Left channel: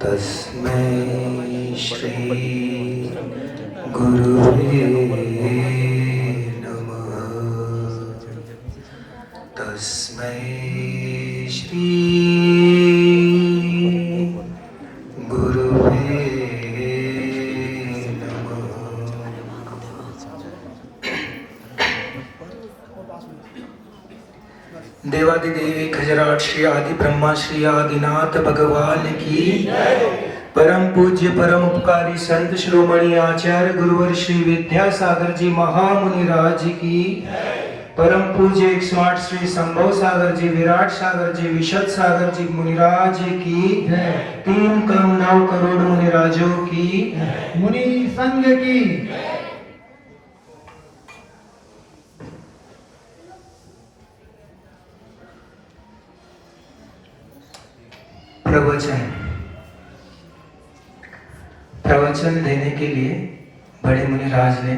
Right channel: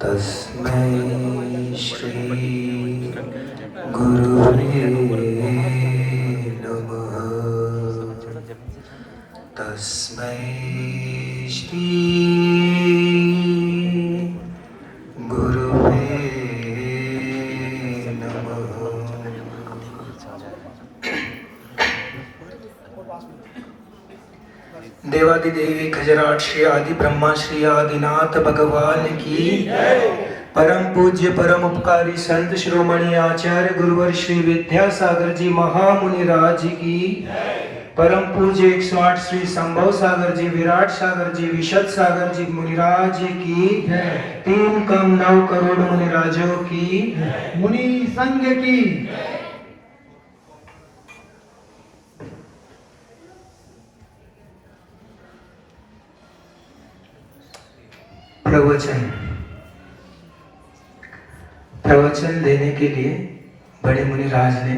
तस्मै श्री गुरुवे नमः। तस्मै श्री गुरुवे नमः। देवादिदेव खजराट श्री आदि ब्रह्मा श्री आदिनाथ भगवान की, परम पूज्य परम उपकारी संत शिरोमणि आचार्य गुरुवर श्री विद्यासागर जी महामुनि राज की, परम पूज्य 108 श्री संभव सागर जी, विराट सागर जी, विशद सागर जी मुनिराज की, 3 कम 9 करोड़ मुनिराजों की, मुनि संघ की। प्रवचन देने के लिए बड़े मुनिराज ने,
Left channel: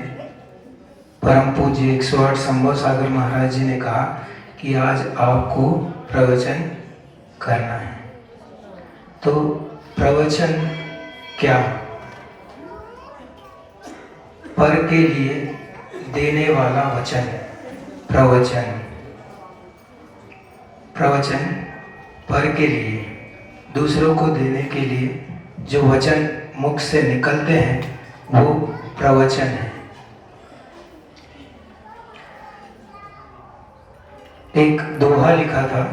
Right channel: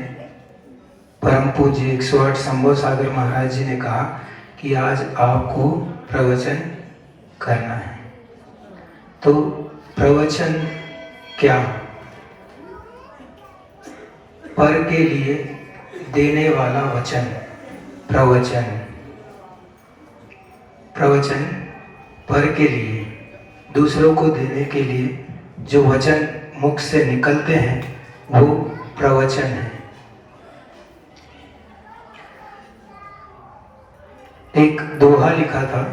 परम पूज्य 108 संभव सागर महाराज जी ने कहा कि आज आपको प्रवचन करना है। तो प्रवचन क्या? पर के लिए देने वाला वचन प्रवचन। प्रवचन पर के लिए, दूसरों को देने के लिए जो वचन मुख से निकलते हैं वो प्रवचन है। एक दोहा लिखा था,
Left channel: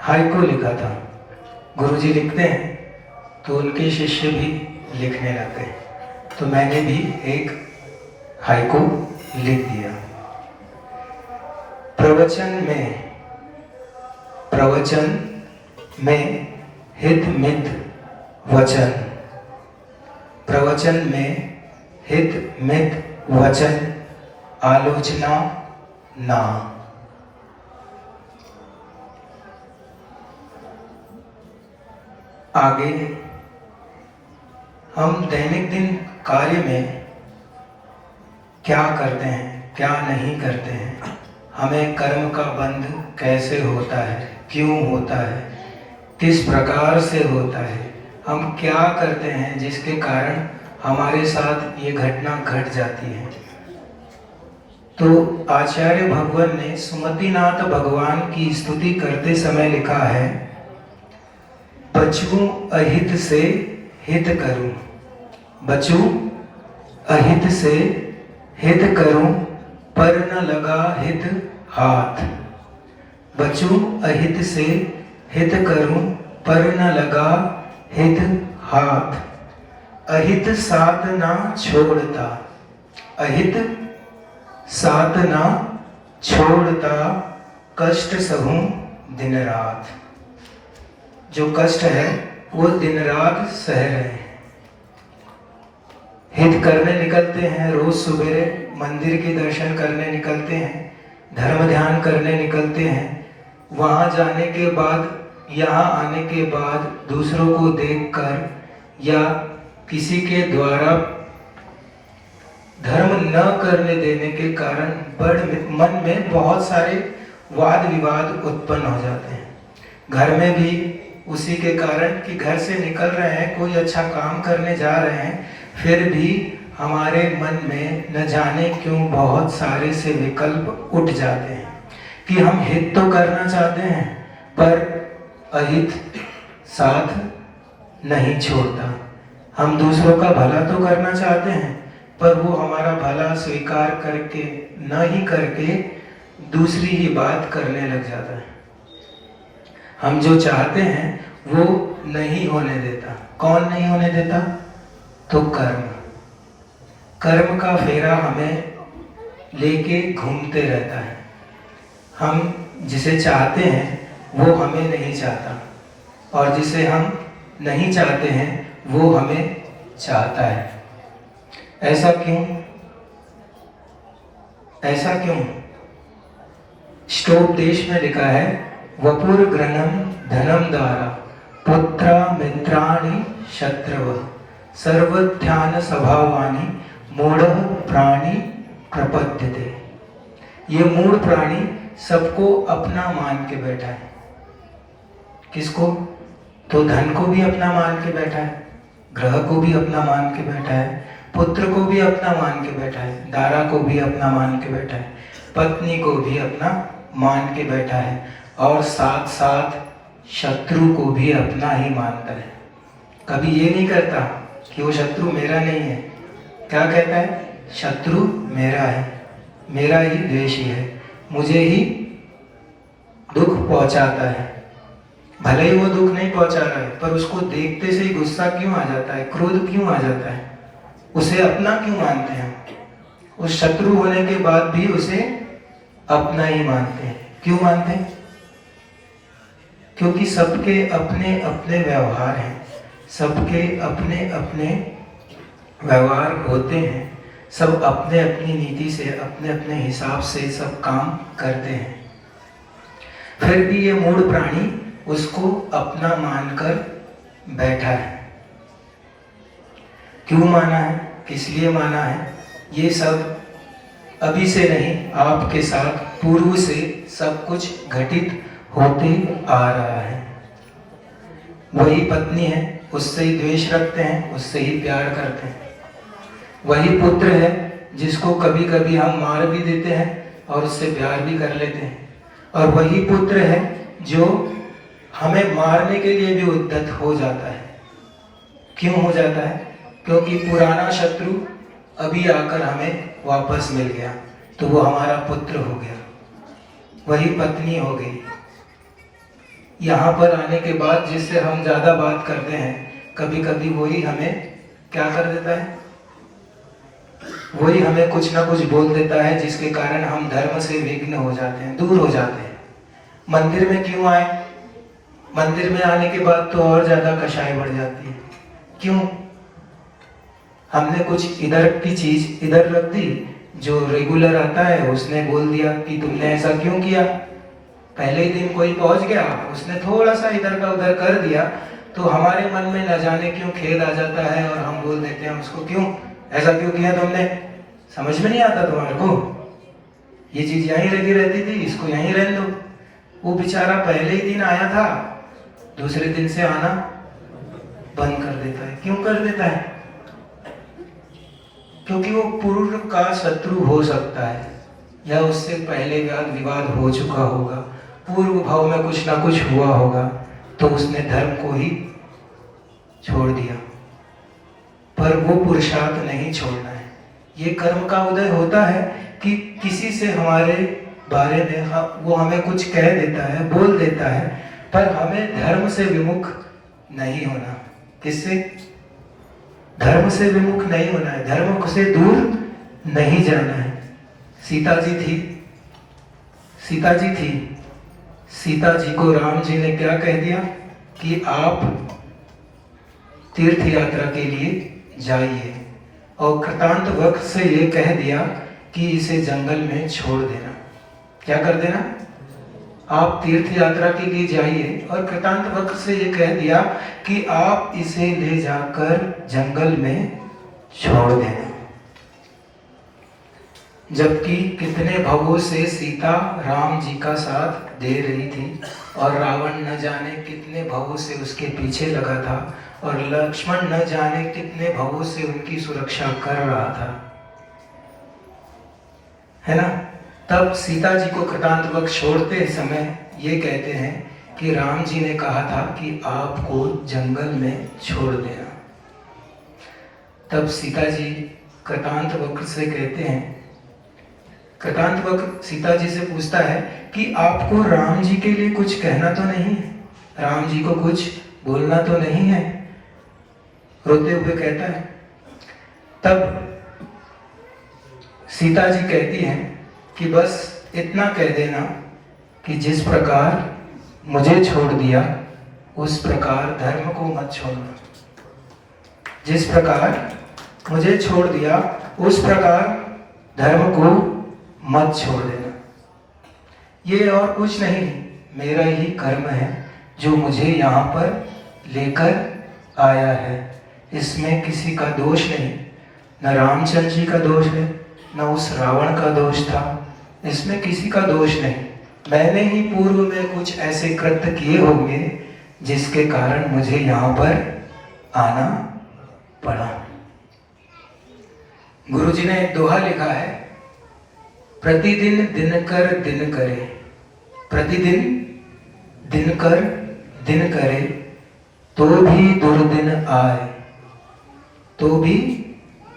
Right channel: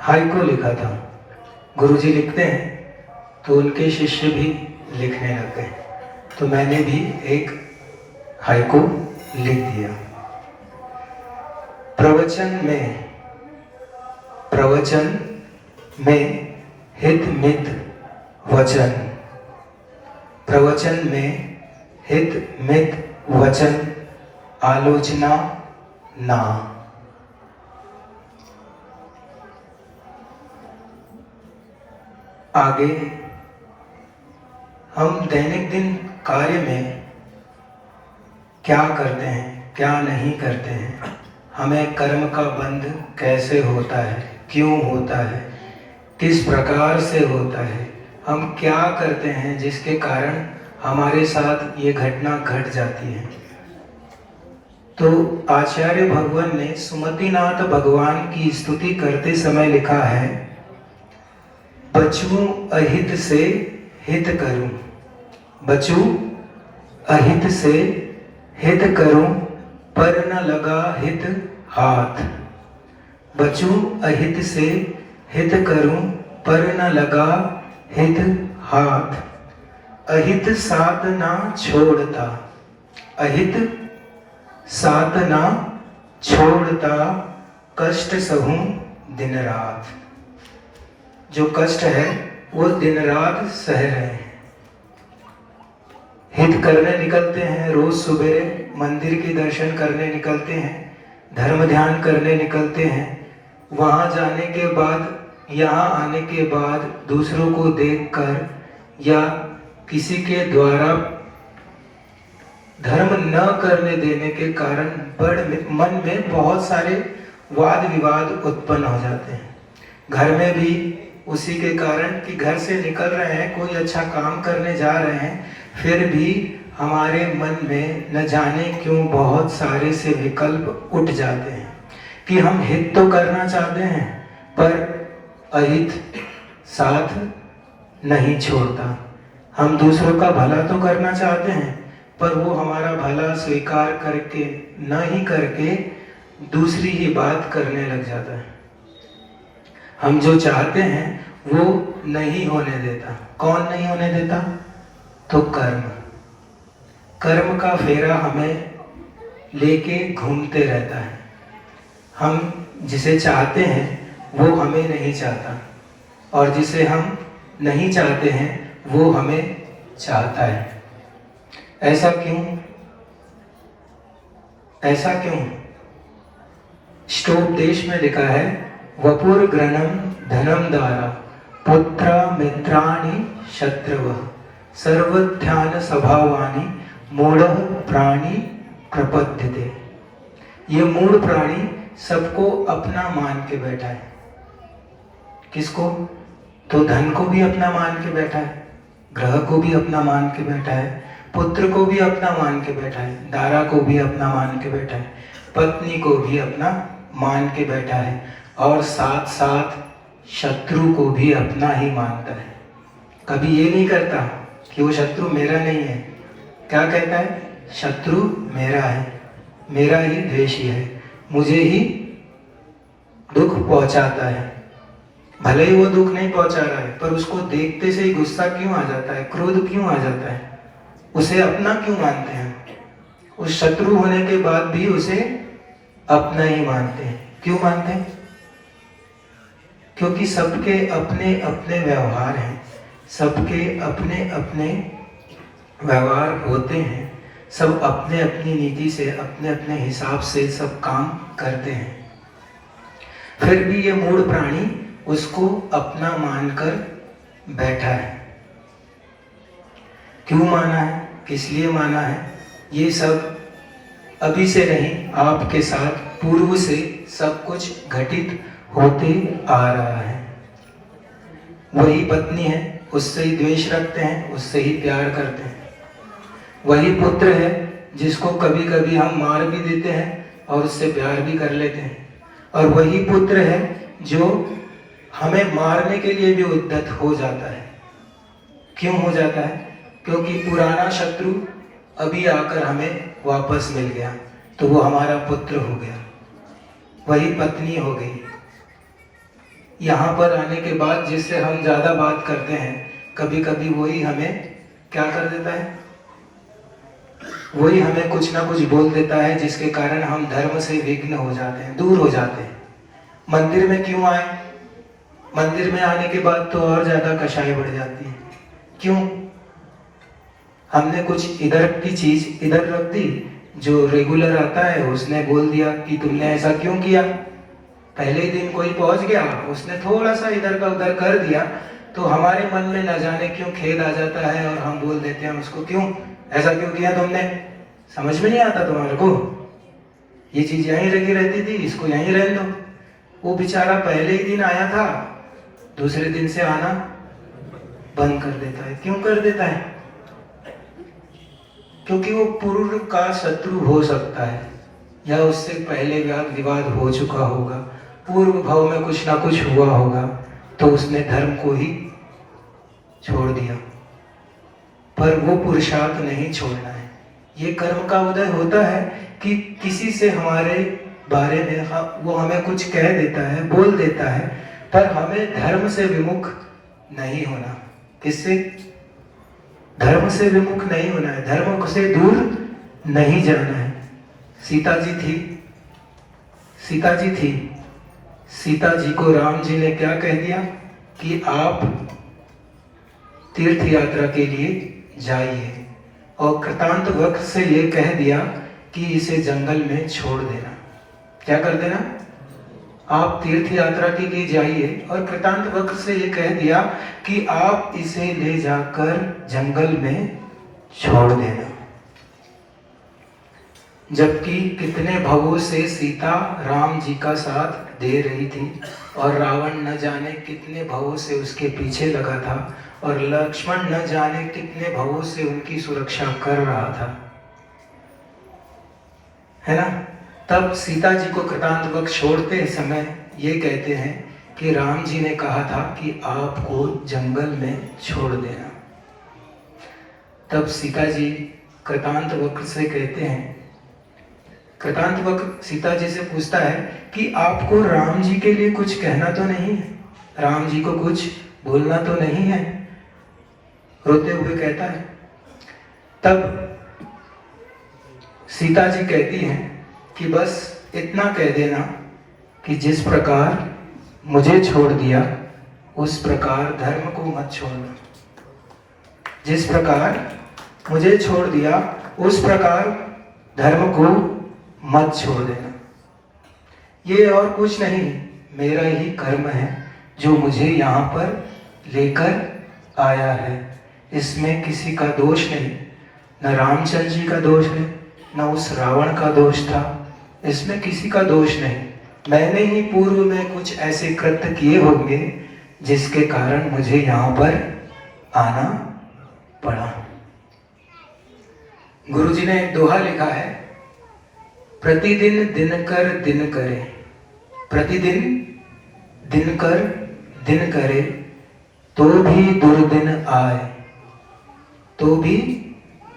हाइको लिखा था। गुरुजी लिखते हैं तो उनके शिष्य भी लिखने लगते हैं, तो मैंने भी एक हाइको लिख दिया। प्रवचन में हित मित वचन, प्रवचन में हित मित वचन, आलोचना ना। आगे हम दैनिक दिन कार्य में क्या करते हैं, क्या नहीं करते हैं, हमें कर्म का बंध कैसे होता है, क्यों होता है, किस प्रकार से होता है, हम क्या करते हैं जिसके कारण हमारे साथ ये घटना घट जाती है। तो आचार्य भगवान ने सुमतिनाथ भगवान की स्तुति करते समय लिखा है, बचूं अहित से हित करूं, बचूं अहित से हित करूं, पर न लगा हित हाथ। बचूं अहित से हित करूं, पर न लगा हित हाथ। अहित साथ ना छोड़ता, अहित साथ ना छोड़ता, कष्ट सहूं दिन रात। जो कष्ट है वो दिन रात सह रहे हैं। हित करने निकलते हैं, रोज सुबेरे मंदिर के दर्शन करने निकलते हैं, धर्म ध्यान करने निकलते हैं। वहां जाने के बाद, यहाँ आने के बाद दूसरों को देखकर या किसी के द्वारा धर्म न करने देने के कारण मन में बहुत सारे वाद विवाद उत्पन्न हो जाते हैं। घर में भी उसी के कारण कि घर से निकल रहे हैं, कोई अच्छा काम करने जा रहे हैं, फिर भी हमारे मन में न जाने क्यों बहुत सारे से विकल्प उठ जाते हैं कि हम हित तो करना चाहते हैं पर अहित साथ नहीं छोड़ता। हम दूसरों का भला तो करना चाहते हैं पर वो हमारा भला स्वीकार करके न ही करके दूसरी ही बात करने लग जाता है। हम जो चाहते हैं वो नहीं होने देता। कौन नहीं होने देता? तो कर्म। कर्म का फेरा हमें लेके घूमते रहता है। हम जिसे चाहते हैं वो हमें नहीं चाहता, और जिसे हम नहीं चाहते हैं वो हमें चाहता है। ऐसा क्यों? ऐसा क्यों? श्लोकदेश में लिखा है, वपुर ग्रहणम धनम दारा, पुत्रा मित्राणि शत्रव, सर्वध्यान स्वभावानि, मूढ़ प्राणी प्रपद्यते। ये मूढ़ प्राणी सबको अपना मान के बैठा है। किसको? तो धन को भी अपना मान के बैठा है, ग्रह को भी अपना मान के बैठा है, पुत्र को भी अपना मान के बैठा है, दारा को भी अपना मान के बैठा है, पत्नी को भी अपना मान के बैठा है, और साथ साथ शत्रु को भी अपना ही मानता है। कभी ये नहीं करता कि वो शत्रु मेरा नहीं है। क्या कहता है? शत्रु मेरा है, मेरा ही द्वेषी है, मुझे ही दुख पहुंचाता है। भले ही वो दुख नहीं पहुंचा रहा है, पर उसको देखते से ही गुस्सा क्यों आ जाता है, क्रोध क्यों आ जाता है? उसे अपना क्यों मानते हैं? उस शत्रु होने के बाद भी उसे अपना ही मानते हैं। क्यों मानते हैं? क्योंकि सबके अपने अपने व्यवहार हैं, सबके अपने अपने व्यवहार होते हैं, सब अपने अपनी नीति से, अपने अपने हिसाब से सब काम करते हैं। फिर भी ये मूढ़ प्राणी उसको अपना मानकर बैठा है। क्यों माना है, किस लिए माना है? ये सब अभी से नहीं, आपके साथ पूर्व से सब कुछ घटित होते आ रहा है। वही पत्नी है, उससे ही द्वेष रखते हैं, उससे ही प्यार करते हैं। वही पुत्र है जिसको कभी कभी हम मार भी देते हैं और उससे प्यार भी कर लेते हैं। और वही पुत्र है जो हमें मारने के लिए भी उद्यत हो जाता है। क्यों हो जाता है? क्योंकि पुराना शत्रु अभी आकर हमें वापस मिल गया, तो वो हमारा पुत्र हो गया, वही पत्नी हो गई। यहाँ पर आने के बाद जिससे हम ज्यादा बात करते हैं, कभी कभी वही हमें क्या कर देता है, वही हमें कुछ ना कुछ बोल देता है, जिसके कारण हम धर्म से विघ्न हो जाते हैं, दूर हो जाते हैं। मंदिर में क्यों आए? मंदिर में आने के बाद तो और ज्यादा कषाय बढ़ जाती है। क्यों? हमने कुछ इधर की चीज इधर रख दी, जो रेगुलर आता है उसने बोल दिया कि तुमने ऐसा क्यों किया। पहले दिन कोई पहुंच गया, उसने थोड़ा सा इधर का उधर कर दिया, तो हमारे मन में न जाने क्यों खेद आ जाता है और हम बोल देते हैं उसको, क्यों ऐसा क्यों किया तुमने? समझ में नहीं आता तुम्हारे को? ये चीज यहीं लगी रहती थी, इसको यहीं रहने दो। वो बेचारा पहले ही दिन आया था, दूसरे दिन से आना बंद कर देता है। क्यों कर देता है? क्योंकि वो पूर्व का शत्रु हो सकता है, या उससे पहले वाद विवाद हो चुका होगा, पूर्व भाव में कुछ ना कुछ हुआ होगा, तो उसने धर्म को ही छोड़ दिया। पर वो पुरुषार्थ नहीं छोड़ना है। ये कर्म का उदय होता है कि किसी से हमारे बारे में वो हमें कुछ कह देता है, बोल देता है, पर हमें धर्म से विमुख नहीं होना। किससे? धर्म से विमुख नहीं होना है, धर्म से दूर नहीं जाना है। सीता जी को राम जी ने क्या कह दिया कि आप तीर्थ यात्रा के लिए जाइए, और कृतांत वक्त से ये कह दिया कि इसे जंगल में छोड़ देना। क्या कर देना? आप तीर्थ यात्रा के लिए जाइए, और कृतांत वक्त से ये कह दिया कि आप इसे ले जाकर जंगल में छोड़ देना। जबकि कितने भवों से सीता राम जी का साथ दे रही थी, और रावण न जाने कितने भवों से उसके पीछे लगा था, और लक्ष्मण न जाने कितने भवों से उनकी सुरक्षा कर रहा था, है ना? तब सीता जी को कृतांत वक्त छोड़ते समय ये कहते हैं कि राम जी ने कहा था कि आपको जंगल में छोड़ देना। तब सीता जी कृतांत वक्त से कहते हैं, कृतांत वक्त सीता जी से पूछता है कि आपको राम जी के लिए कुछ कहना तो नहीं है, राम जी को कुछ बोलना तो नहीं है? रोते हुए कहता है। तब सीता जी कहती हैं कि बस इतना कह देना कि जिस प्रकार मुझे छोड़ दिया उस प्रकार धर्म को मत छोड़ना। जिस प्रकार मुझे छोड़ दिया उस प्रकार धर्म को मत छोड़ देना। ये और कुछ नहीं, मेरा ही कर्म है जो मुझे यहाँ पर लेकर आया है। इसमें किसी का दोष नहीं, न रामचंद्र जी का दोष है, न उस रावण का दोष था, इसमें किसी का दोष नहीं। मैंने ही पूर्व में कुछ ऐसे कृत्य किए होंगे जिसके कारण मुझे यहाँ पर आना पड़ा। गुरुजी ने एक दोहा लिखा है, प्रतिदिन दिन कर दिन करे, प्रतिदिन दिन कर दिन करे, तो भी दुर्दिन आए, तो भी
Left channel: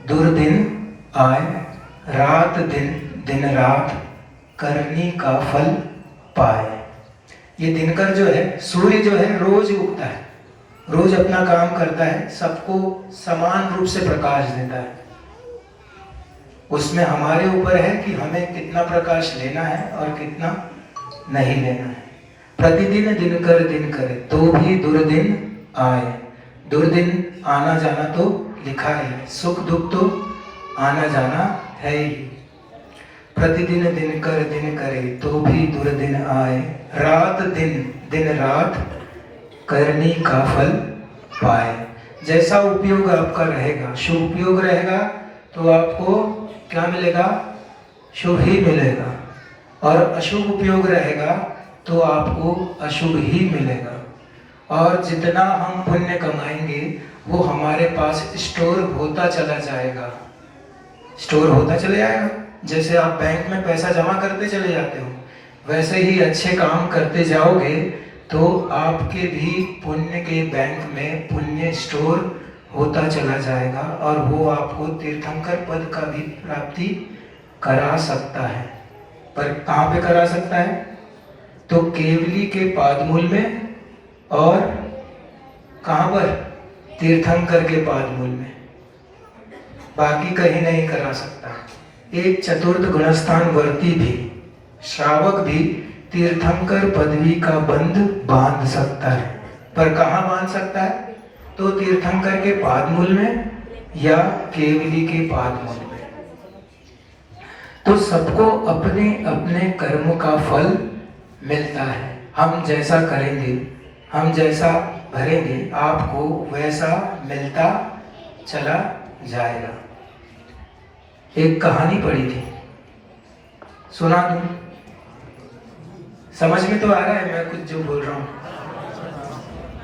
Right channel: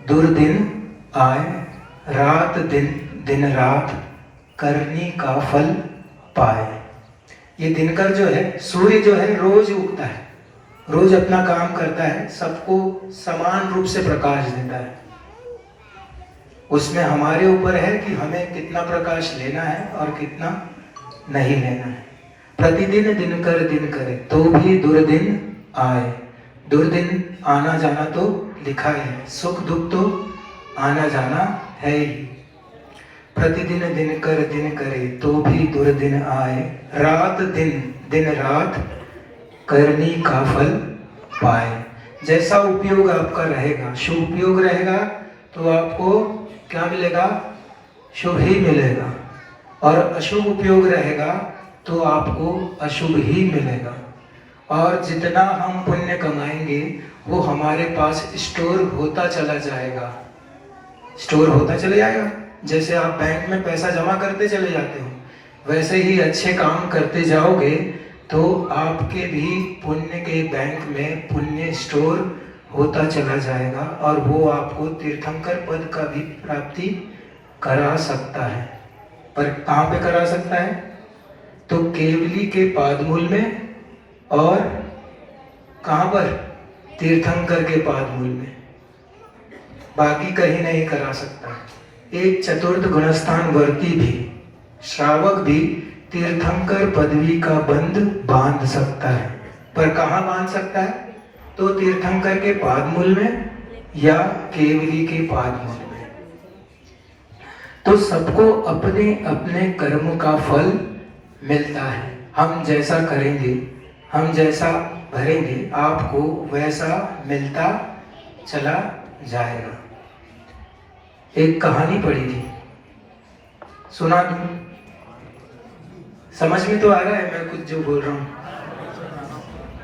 दुर्दिन आए, रात दिन दिन रात करनी का फल पाए। ये दिनकर जो है, सूर्य जो है रोज उगता है, रोज अपना काम करता है, सबको समान रूप से प्रकाश देता है। उसमें हमारे ऊपर है कि हमें कितना प्रकाश लेना है और कितना नहीं लेना है। प्रतिदिन दिन कर दिन करे, तो भी दुर्दिन आए। दुर्दिन आना जाना तो लिखा है, सुख दुख तो आना जाना है ही। प्रतिदिन दिन कर दिन करे, तो भी दुर्दिन आए, रात दिन दिन रात करनी का फल पाए। जैसा उपयोग आपका रहेगा, शुभ उपयोग रहेगा तो आपको क्या मिलेगा? शुभ ही मिलेगा, और अशुभ उपयोग रहेगा तो आपको अशुभ ही मिलेगा। और जितना हम पुण्य कमाएंगे वो हमारे पास स्टोर होता चला जाएगा, स्टोर होता चला जाएगा। जैसे आप बैंक में पैसा जमा करते चले जाते हो, वैसे ही अच्छे काम करते जाओगे तो आपके भी पुण्य के बैंक में पुण्य स्टोर होता चला जाएगा, और वो आपको तीर्थंकर पद का भी प्राप्ति करा सकता है। पर कहाँ पे करा सकता है? तो केवली के पादमूल में, और कहाँ पर? तीर्थंकर के पादमूल में, बाकी कहीं नहीं करा सकता। एक चतुर्थ गुणस्थान वर्ती भी, श्रावक भी तीर्थंकर पदवी का बंध बांध सकता है, पर कहाँ बांध सकता है? तो तीर्थंकर के पादमूल में या केवली के पादमूल में। तो सबको अपने अपने कर्म का फल मिलता है। हम जैसा करेंगे, हम जैसा भरेंगे, आपको वैसा मिलता चला जाएगा। एक कहानी पढ़ी थी, सुना दूं? समझ में तो आ रहा है मैं कुछ जो बोल रहा हूँ?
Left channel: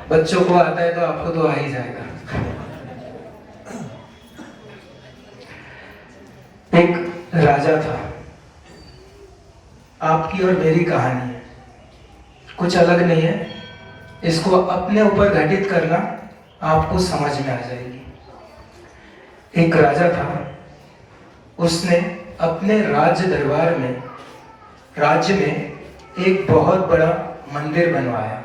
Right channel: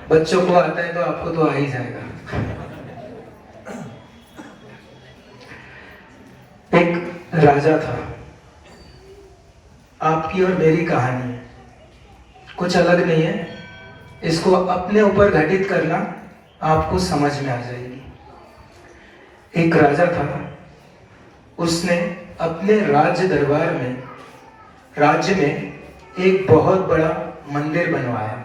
बच्चों को आता है तो आपको तो आ ही जाएगा। एक राजा था, आपकी और मेरी कहानी है, कुछ अलग नहीं है। इसको अपने ऊपर घटित करना, आपको समझ में आ जाएगी। एक राजा था, उसने अपने राज्य दरबार में, राज्य में एक बहुत बड़ा मंदिर बनवाया।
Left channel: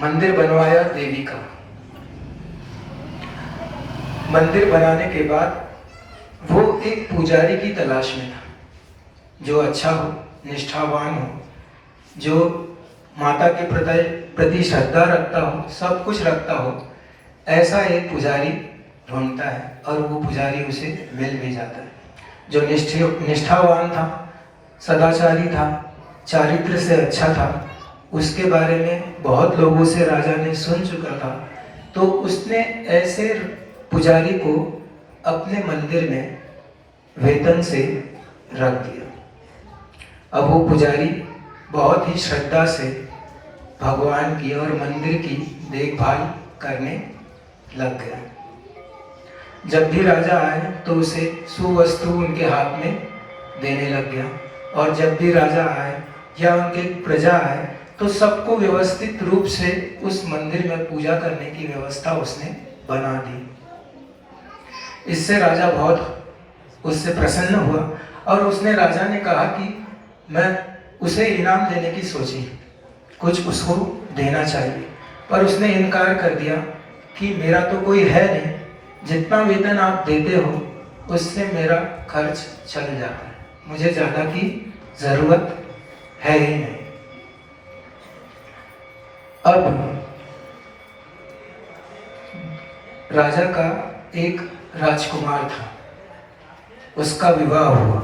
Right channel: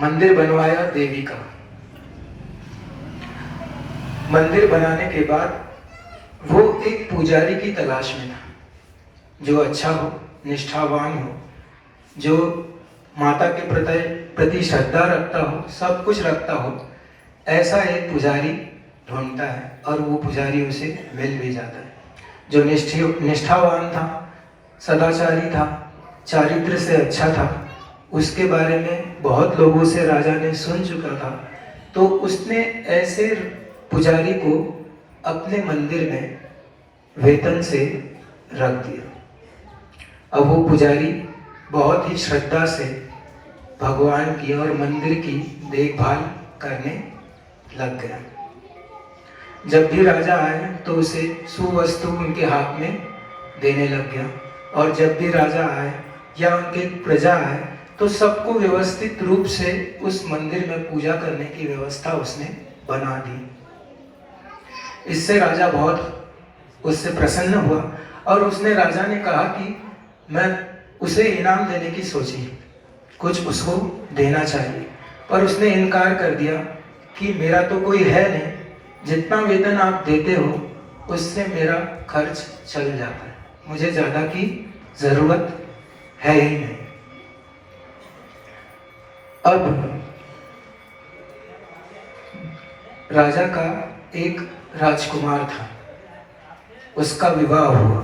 मंदिर बनवाया देवी का। मंदिर बनाने के बाद वो एक पुजारी की तलाश में था, जो अच्छा हो, निष्ठावान हो, जो माता के प्रति श्रद्धा रखता हो, सब कुछ रखता हो, ऐसा एक पुजारी ढूंढता है, और वो पुजारी उसे मिल भी जाता है। जो निष्ठावान था, सदाचारी था, चारित्र से अच्छा था, उसके बारे में बहुत लोगों से राजा ने सुन चुका था। तो उसने ऐसे पुजारी को अपने मंदिर में वेतन से रख दिया। अब वो पुजारी बहुत ही श्रद्धा से भगवान की और मंदिर की देखभाल करने लग गया। जब भी राजा आए तो उसे सुवस्तु उनके हाथ में देने लग गया, और जब भी राजा आए या उनके प्रजा आए तो सबको व्यवस्थित रूप से उस मंदिर में पूजा करने की व्यवस्था उसने बना दी। इससे राजा बहुत उससे प्रसन्न हुआ, और उसने राजा ने कहा कि मैं उसे इनाम देने की सोची, कुछ उसको देना चाहिए, पर उसने इनकार कर दिया कि मेरा तो कोई है नहीं, जितना वेतन आप देते हो उससे मेरा खर्च चल जाता है, मुझे ज़्यादा की ज़रूरत है ही नहीं। अब राजा का एक राजकुमार था, उसका विवाह हुआ,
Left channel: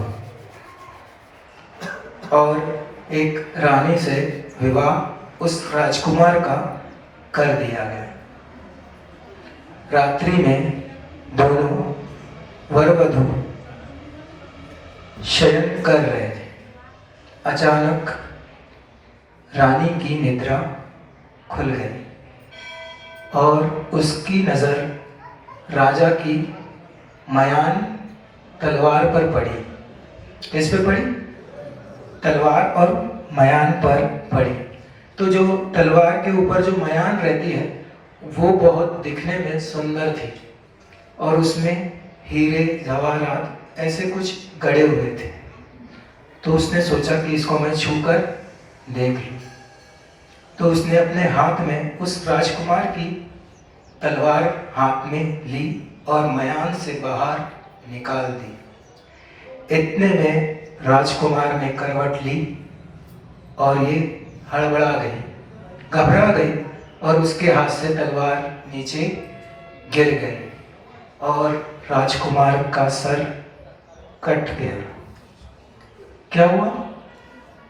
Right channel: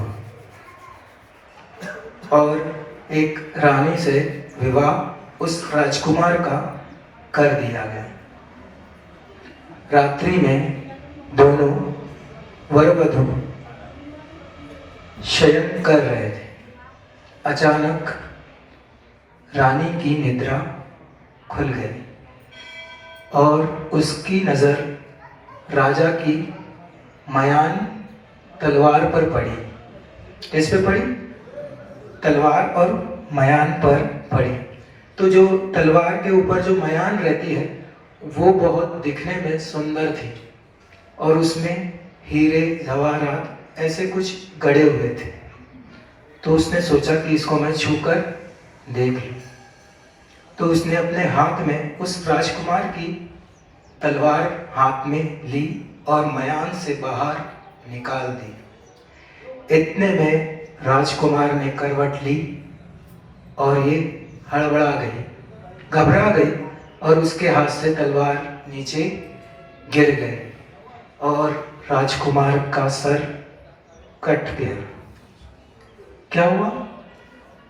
और एक रानी से विवाह उस राजकुमार का कर दिया गया। रात्रि में दोनों वर वधू शयन कर रहे थे। अचानक रानी की निद्रा खुल गई और उसकी नज़र राजा की मयान तलवार पर पड़ी। इस पर पड़ी, तलवार और मयान पर पड़ी। तो जो तलवार के ऊपर जो मयान रहती है वो बहुत दिखने में सुंदर थी और उसमें हीरे जवाहरात ऐसे कुछ गड़े हुए थे। तो उसने सोचा कि इसको मैं छूकर देख लूं। तो उसने अपने हाथ में उस राजकुमार की तलवार हाथ में ली और मयान से बाहर निकाल दी। इतने में राजकुमार ने करवट ली और ये हड़बड़ा गई, घबरा गई और उसके हाथ से तलवार नीचे गिर गई और राजकुमार का सर कट गया। क्या हुआ?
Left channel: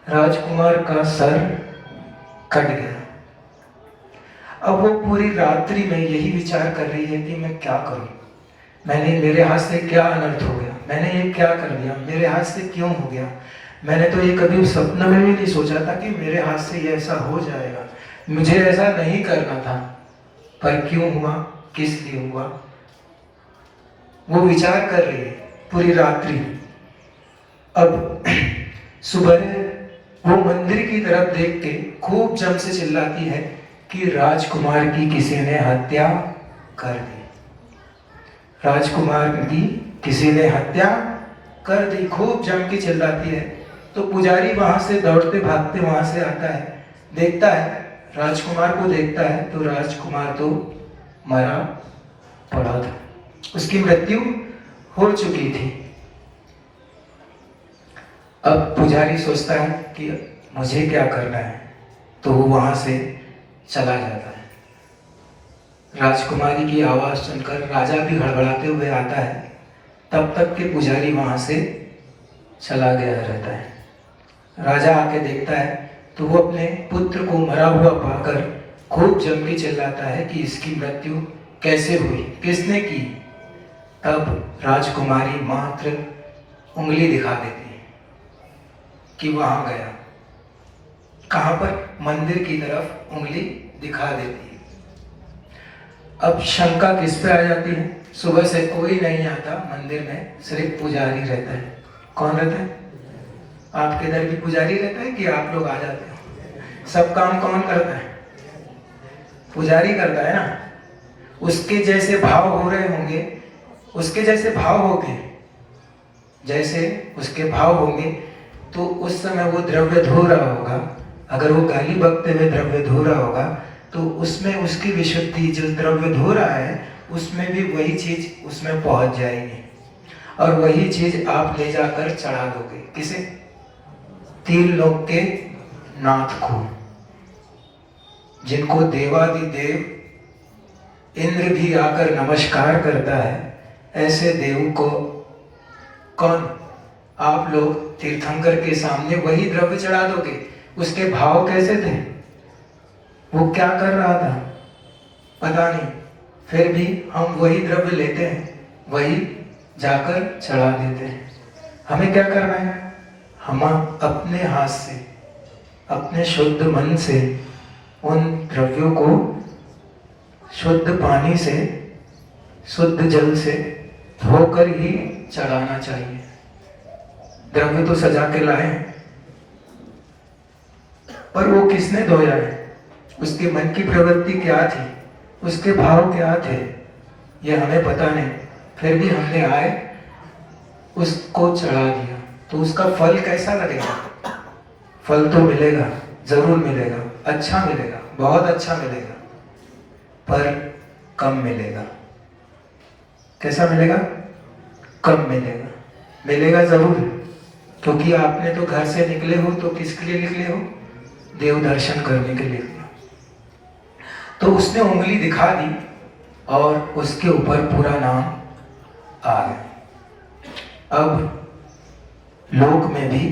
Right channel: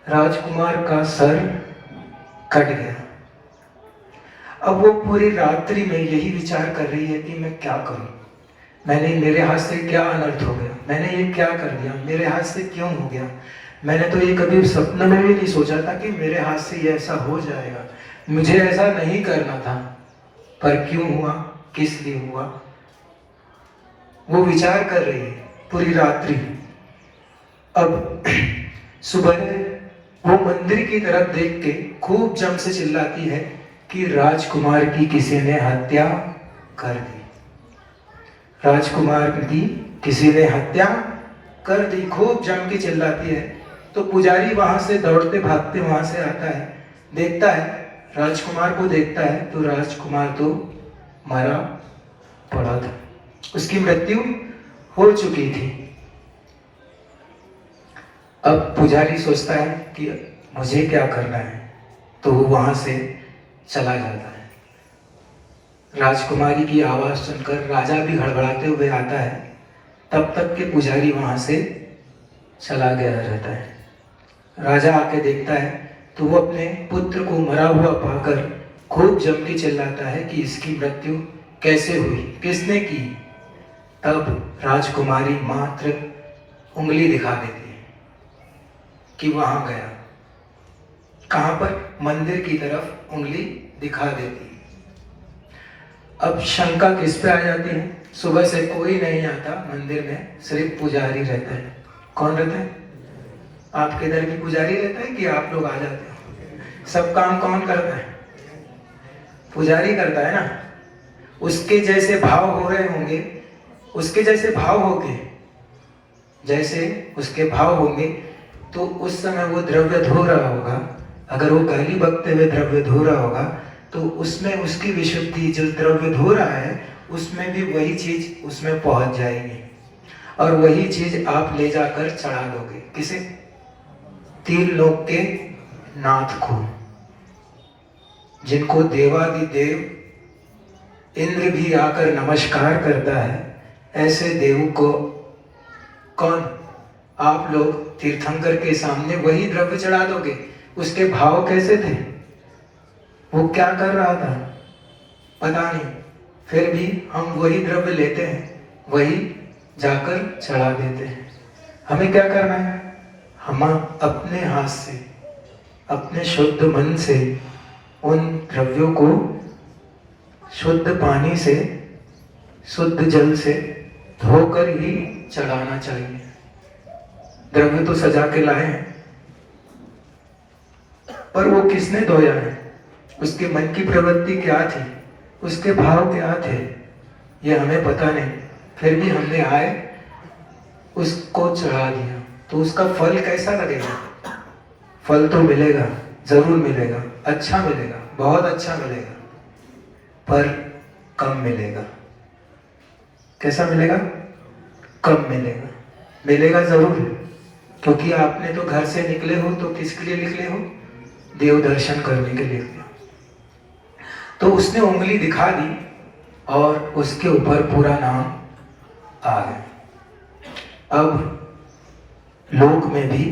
राजकुमार का सर कट गया। अब वो पूरी रात्रि में यही विचार कर रही है कि मैं क्या करूं, मेरे हाथ से क्या अनर्थ हो गया, मैंने ये क्या कर दिया, मेरे हाथ से क्यों हो गया। मैंने तो ये कभी सपने में भी नहीं सोचा था कि मेरे हाथ से ये ऐसा हो जाएगा, मुझे ऐसा नहीं करना था, पर क्यों हुआ, किस लिए हुआ, वो विचार कर रही है पूरी रात्रि। अब सुबह वो मंदिर की तरफ देख के खूब जम से चिल्लाती है कि राजकुमार की किसी ने हत्या कर दी, राजकुमार की किसी ने हत्या कर दी, खूब जम के चिल्लाती है। तो पुजारी वहां से दौड़ते भागते वहां से आता है, देखता है, राजकुमार को देखता है तो राजकुमार तो मरा पड़ा था, उसकी मृत्यु हो चुकी थी। अब पुजारी सोचता है कि मुझे क्या करना है, तो वो वहां से चला जाता है। राजकुमारी की आवाज सुनकर राजा भी हड़बड़ाते हुए आता है, तब तक के पुजारी वहां से चला गया रहता है। राजा आके देखता है तो वो अपने पुत्र को मरा हुआ पाकर खूब जम के चिल्लाता है कि इसकी मृत्यु कैसे हुई, किसने की। तब राजकुमारी मात्र उंगली दिखा देती है कि वहां गया। कहां पर? मंदिर की तरफ उंगली दिखा देती है। अब शंका किस पे आ जाती है? सुबह से कोई नहीं आता मंदिर में, सिर्फ पुजारी रहता है। कौन रहता है? आपके इधर भी पुजारी रहता है कि आप लोग आ जाते हो? सब काम कौन करता है? पुजारी करता है ना। उसके जैसे भाव हो रहे होंगे, उसके जैसे भाव होंगे, जैसे उसके भाव होंगे, तो उस समय वो द्रव्य धो रहा होगा। अगर वो गाली बकते हुए द्रव्य धो रहा होगा तो उसमें उसकी विशुद्धि, जो द्रव्य धो रहा है उसमें भी वही चीज उसमें पहुंच जाएगी और वही चीज आप ले जाकर चढ़ा दोगे। किसे? तीन लोक के नाथ को, जिनको देवादिदेव इंद्र भी आकर नमस्कार करता है, ऐसे देव को कौन? आप लोग तीर्थंकर के सामने वही द्रव्य चढ़ा दोगे। उसके भाव कैसे थे, वो क्या कर रहा था पता नहीं, फिर भी हम वही द्रव्य लेते हैं, वही जाकर चढ़ा देते हैं। हमें क्या करना है? हम अपने हाथ से, अपने शुद्ध मन से उन द्रव्यों को शुद्ध पानी से, शुद्ध जल से धोकर ही चढ़ाना चाहिए। द्रव्य तो सजा के लाए हैं, पर वो किसने धोया है? उसके मन की प्रवृत्ति क्या थी, उसके भाव क्या थे, ये हमें पता नहीं। फिर भी हमने आए उसको चढ़ा दिया, तो उसका फल कैसा लगेगा? फल तो मिलेगा, जरूर मिलेगा, अच्छा मिलेगा, बहुत अच्छा मिलेगा, पर कम मिलेगा। कैसा मिलेगा? कम मिलेगा। मिलेगा जरूर, क्योंकि आपने तो घर से निकले हो तो किसके लिए निकले हो? देव दर्शन करने के लिए। तो उसने उंगली दिखा दी और उसके ऊपर पूरा नाम आ गया। अब लोक में भी,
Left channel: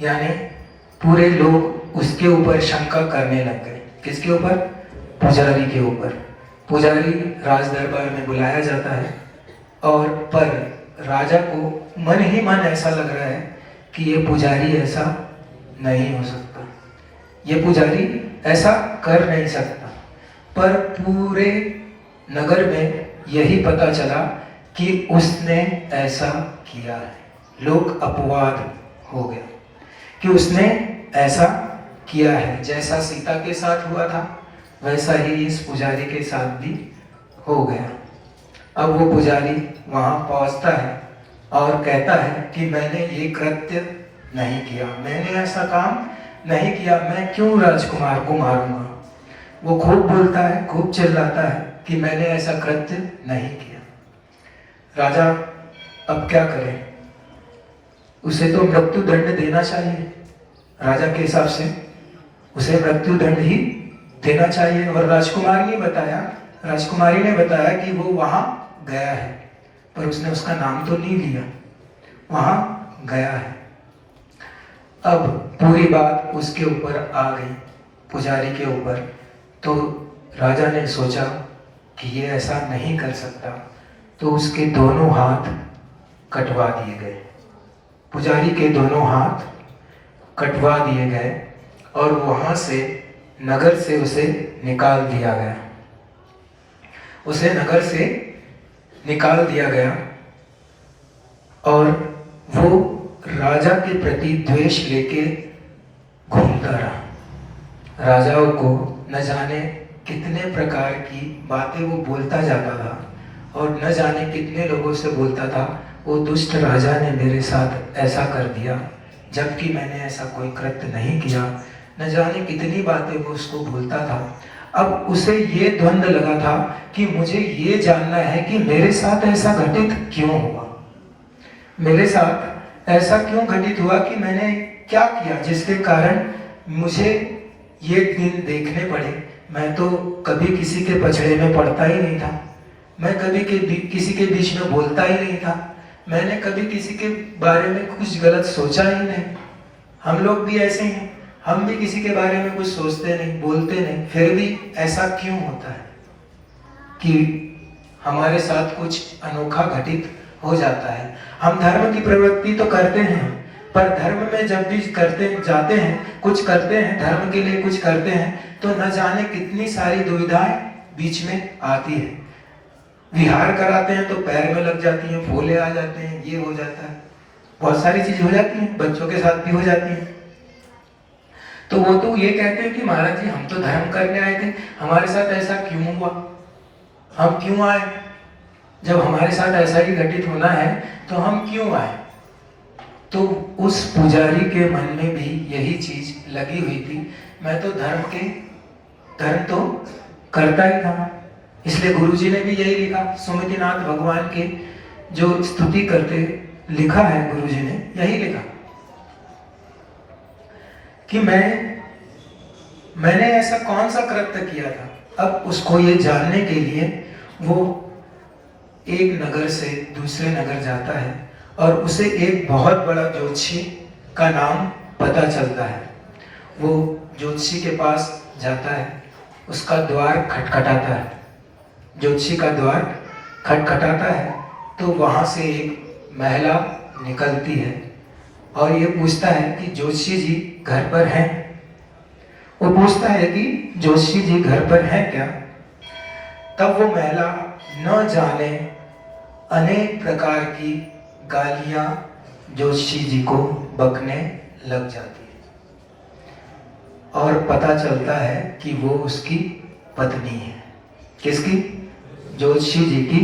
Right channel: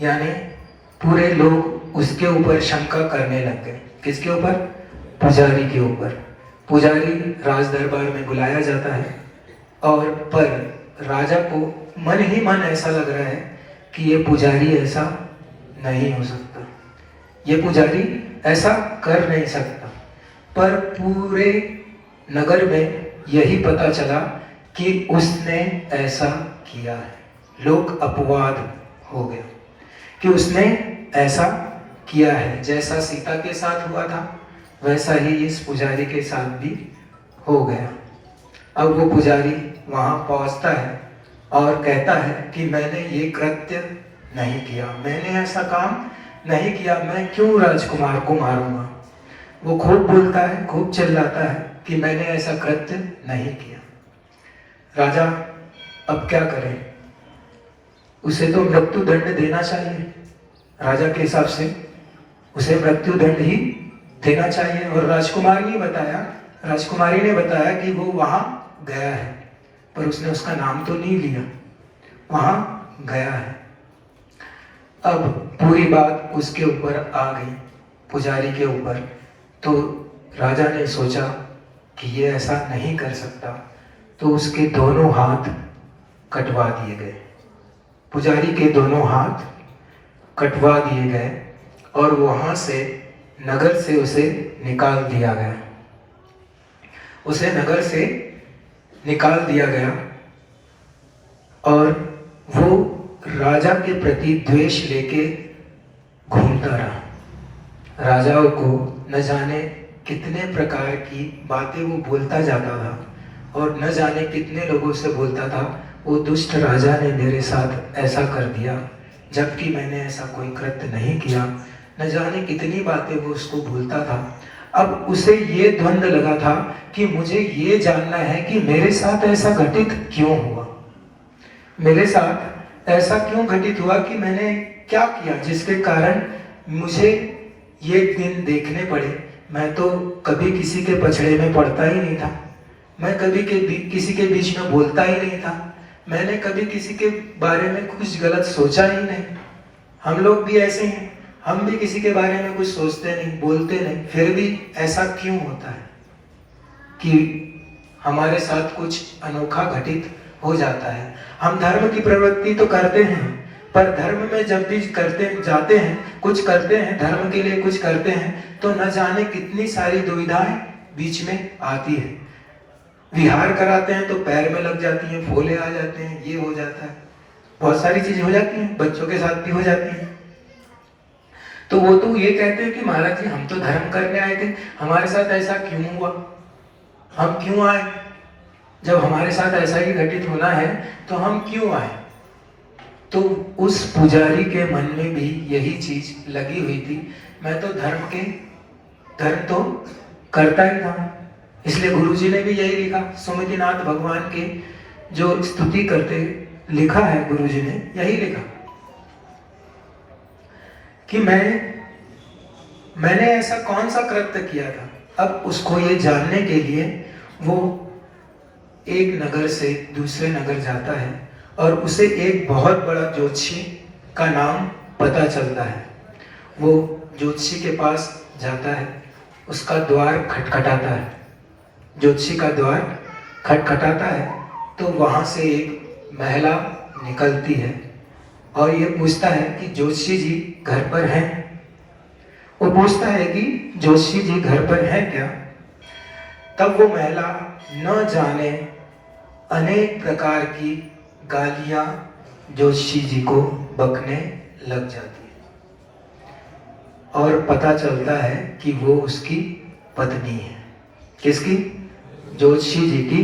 यानी पूरे लोग उसके ऊपर शंका करने लग गए। किसके ऊपर? पुजारी के ऊपर। पुजारी राज दरबार में बुलाया जाता है और पर राजा को मन ही मन ऐसा लग रहा है कि ये पुजारी ऐसा नहीं हो सकता, ये पुजारी ऐसा कर नहीं सकता। पर पूरे नगर में यही पता चला कि उसने ऐसा किया है। लोग अपवाद हो गए कि उसने ऐसा किया है। जैसा सीता के साथ हुआ था वैसा ही इस पुजारी के साथ भी हो गया। अब वो पुजारी वहां पहुंचता है और कहता है कि मैंने ये कृत्य नहीं किया, मैंने ऐसा काम नहीं किया, मैं क्यों राजकुमार को मारूंगा। वो खूब बोलता है, खूब चिल्लाता है कि मैंने ऐसा कृत्य नहीं किया। राजा अब क्या करे, उसे तो मृत्यु दंड देना चाहिए। राजा के हिसाब से उसे मृत्यु दंड ही देना चाहिए। और राजकुमारी ने बताया कि वो वहां गया है, पर उसने उसका नाम तो नहीं लिया, वहां गया है। अब पूरी बात उसके ऊपर आ गई, पुजारी के ऊपर। तो राजा ने सोचा कि ये ऐसा नहीं कर सकता, तो उसके दोनों हाथ कटवा दिए गए। पुजारी के दोनों हाथ कटवा दिए गए और वहां से नगर से उसे निकाल दिया गया। उसे नगर से निकाल दिया गया और वो राजा के प्रति द्वेष लेके घूमता रहा। राजाओं को न जाने कितने प्रकार की बातें वो बोलता जाता था और न जाने कितने लोगों से बोलता था, वो दुष्ट राजा ने मेरे साथ ऐसा कर दिया जबकि मैंने ऐसा कोई कृत्य नहीं किया। न जाने कितनी बातें वो उसको बोलता था। अब उसे ये द्वंद्व लगा था कि मुझे ये जानना है कि मेरे साथ ऐसा घटित क्यों हुआ, मेरे साथ ऐसा क्यों घटित हुआ कि मैंने क्या किया जिसके कारण मुझे ये दिन देखने पड़े। मैं तो कभी किसी के पछड़े में पड़ता ही नहीं था, मैं कभी किसी के बीच में बोलता ही नहीं था, मैंने कभी किसी के बारे में कुछ गलत सोचा ही नहीं। हम लोग भी ऐसे हैं, हम भी किसी के बारे में कुछ सोचते नहीं, बोलते नहीं, फिर भी ऐसा क्यों होता है कि हमारे साथ कुछ अनोखा घटित हो जाता है। हम धर्म की प्रवृत्ति तो करते हैं, पर धर्म में जब भी करते जाते हैं, कुछ करते हैं, धर्म के लिए कुछ करते हैं, तो न जाने कितनी सारी दुविधाएं बीच में आती है। विहार कराते हैं तो पैर में लग जाती हैं, फोले आ जाते हैं, ये हो जाता है, बहुत सारी चीज हो जाती हैं, बच्चों के साथ भी हो जाती है। तो वो तो ये कहते हैं कि महाराज जी हम तो धर्म करने आए थे, हमारे साथ ऐसा क्यों हुआ, हम क्यों आए, जब हमारे साथ ऐसा ही घटित होना है तो हम क्यों आए। तो उस पुजारी के मन में भी यही चीज लगी हुई थी, मैं तो धर्म तो करता ही था। इसलिए गुरुजी ने भी यही लिखा, सुमतिनाथ भगवान की जो स्तुति करते लिखा है, गुरुजी ने यही लिखा कि मैंने ऐसा कौन सा कृत्य किया था। अब उसको ये जानने के लिए वो एक नगर से दूसरे नगर जाता है और उसे एक बहुत बड़ा ज्योतिषी का नाम पता चलता है। वो ज्योतिषी के पास जाता है, उसका द्वार खटखटाता है, ज्योतिषी का द्वार खटखटाता है तो वहां से एक महिला निकलती है और ये पूछता है कि ज्योतिषी जी घर पर हैं। वो पूछता है कि ज्योतिषी जी घर पर हैं क्या। तब वो महिला न जाने अनेक प्रकार की गालियां ज्योतिषी जी को बकने लग जाती है और पता चलता है कि वो उसकी पत्नी है। किसकी? ज्योतिषी जी की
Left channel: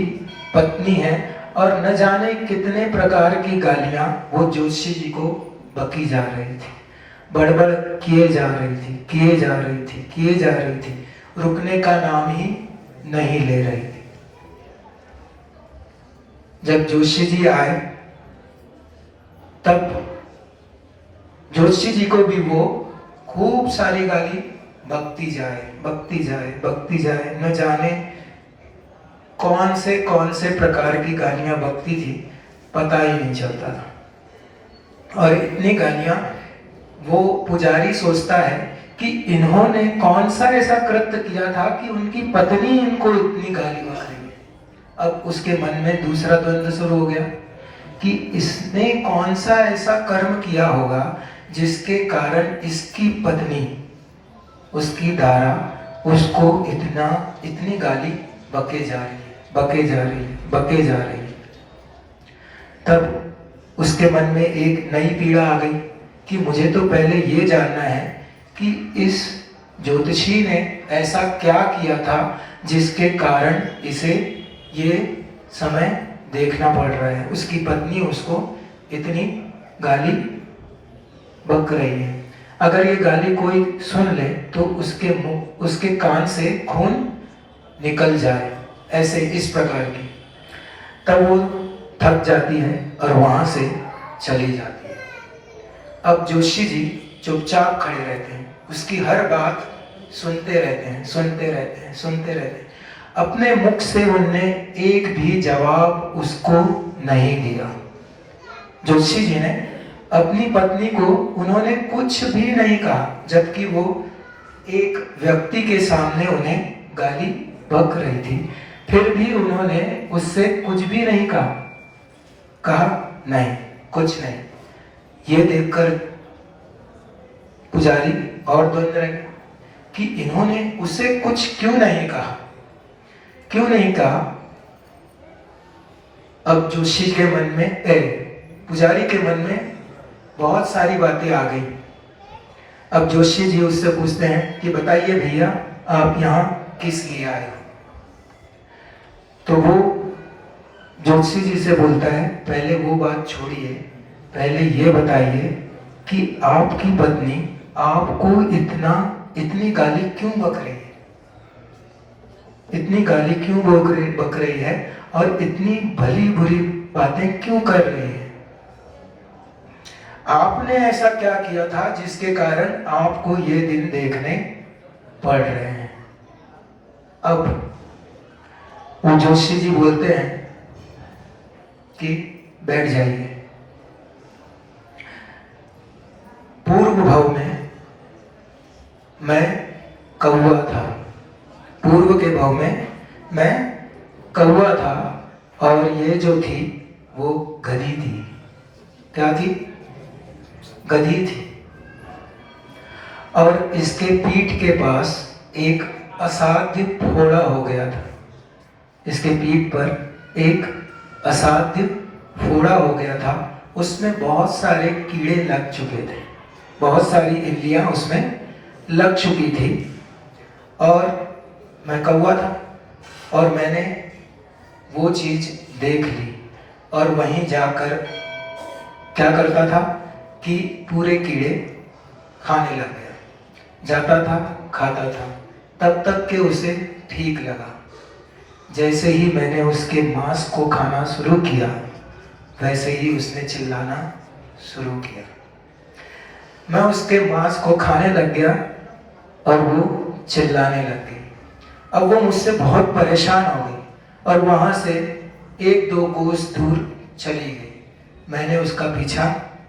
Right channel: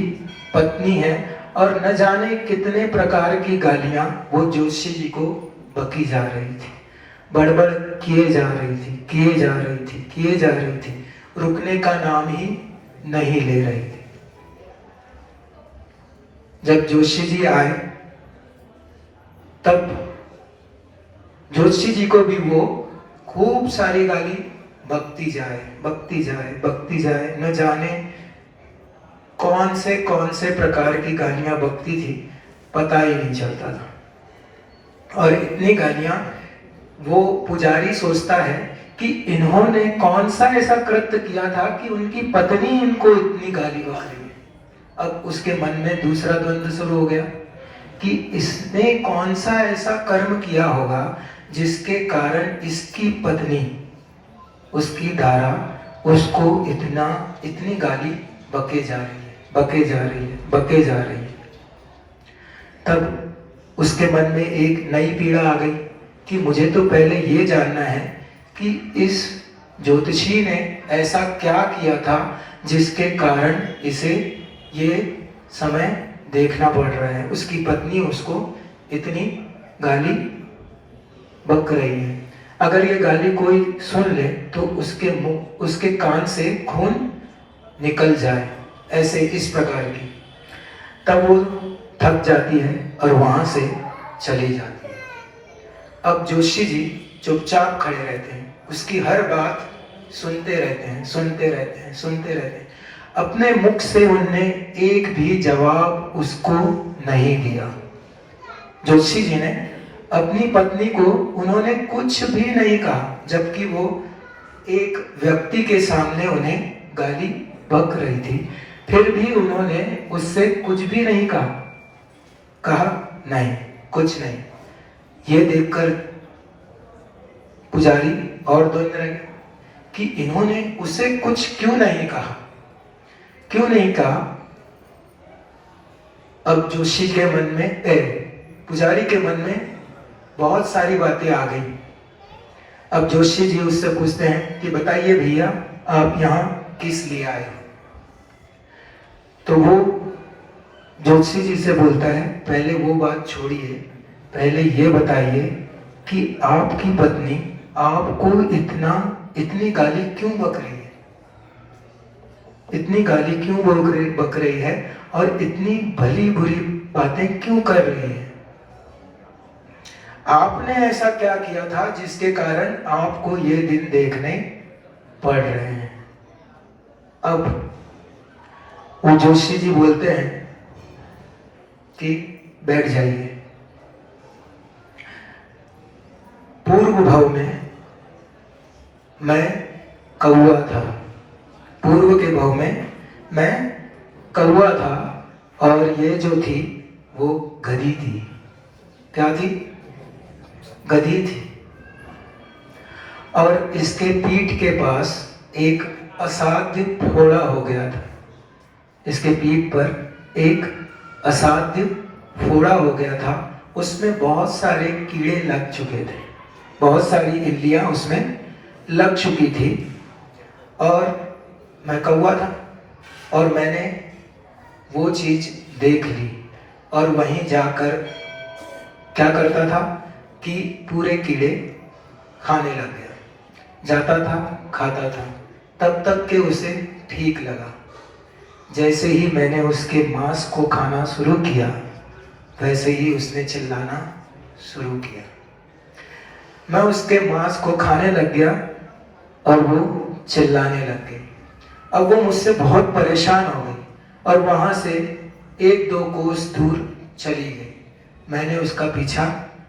पत्नी है। और न जाने कितने प्रकार की गालियां वो ज्योतिषी जी को बकी जा रही थी, बड़बड़ किए जा रही थी, रुकने का नाम ही नहीं ले रही थी। जब ज्योतिषी जी आए तब ज्योतिषी जी को भी वो खूब सारी गाली बकती जाए, न जाने कौन से प्रकार की गालियां बकती थी, पता ही नहीं चलता था। और इतनी गालियां वो पुजारी सोचता है कि इन्होंने कौन सा ऐसा कृत्य किया था कि उनकी पत्नी इनको इतनी गाली गा रही है। अब उसके मन में दूसरा द्वंद्व शुरू हो गया कि इसने कौन सा ऐसा कर्म किया होगा जिसके कारण इसकी पत्नी उसकी धारा उसको इतनी गाली बके जा रही है, बके जा रही है, बके जा रही है। तब उसके मन में एक नई पीड़ा आ गई कि मुझे तो पहले ये जानना है कि इस ज्योतिषी ने ऐसा क्या किया था जिसके कारण इसे ये समय देखना पड़ रहा है। उसकी पत्नी उसको इतनी गाली बक रही है। अगर ये गाली कोई सुन ले तो उसके कान से खून निकल जाए, ऐसे इस प्रकार की। तब वो थक जाती है और वहां से चली जाती है। अब जोशी जी चुपचाप खड़े रहते हैं, उसकी हर बात सुनते रहते हैं, सुनते रहते हैं, सुनते रहते हैं। अपने मुख से उनने एक भी जवाब उसको नहीं दिया। जोशी जी ने अपनी पत्नी को उन्होंने कुछ भी नहीं कहा, जबकि वो एक व्यक्ति के सामने उन्हें गाली बक रही थी। फिर भी उन्होंने उससे कुछ भी नहीं कहा नहीं, कुछ नहीं। ये देखकर पुजारी और दौड़ने लगे कि इन्होंने उससे कुछ क्यों नहीं कहा, क्यों नहीं कहा। अब जोशी के मन में पुजारी के मन में बहुत सारी बातें आ गई। अब जोशी जी उससे पूछते हैं कि बताइए भैया, आप यहाँ किस लिए आए? तो वो जोशी जी से बोलता है, पहले वो बात छोड़िए, पहले ये बताइए कि आपकी पत्नी आपको इतनी गाली क्यों बक रही है, इतनी गाली क्यों बक रही है और इतनी भली बुरी बातें क्यों कर रही है? आपने ऐसा क्या किया था जिसके कारण आपको ये दिन देखने पड़ रहे हैं? अब वो जोशी जी बोलते हैं कि बैठ जाइए। पूर्व भव में मैं कौवा था, पूर्व के भव में मैं कौवा था और ये जो थी वो गधी थी। क्या थी? गधी थी। और इसके पीठ के पास एक असाध्य फोड़ा हो गया था। इसके पीठ पर एक असाध्य फोड़ा हो गया था। उसमें बहुत सारे कीड़े लग चुके थे, बहुत सारी इल्लियां उसमें लग चुकी थी। और मैं कौवा था और मैंने वो चीज देख ली और वहीं जाकर क्या करता था कि पूरे कीड़े खाने लग गया, जाता था, खाता था, तब तक के उसे ठीक लगा। जैसे ही मैंने उसके मांस को खाना शुरू किया, वैसे ही उसने चिल्लाना शुरू किया। मैं उसके मांस को खाने लग गया और वो चिल्लाने लग गई। अब वो मुझसे बहुत परेशान हो गई और वहां से 1-2 कोस दूर चली गई। मैंने उसका पीछा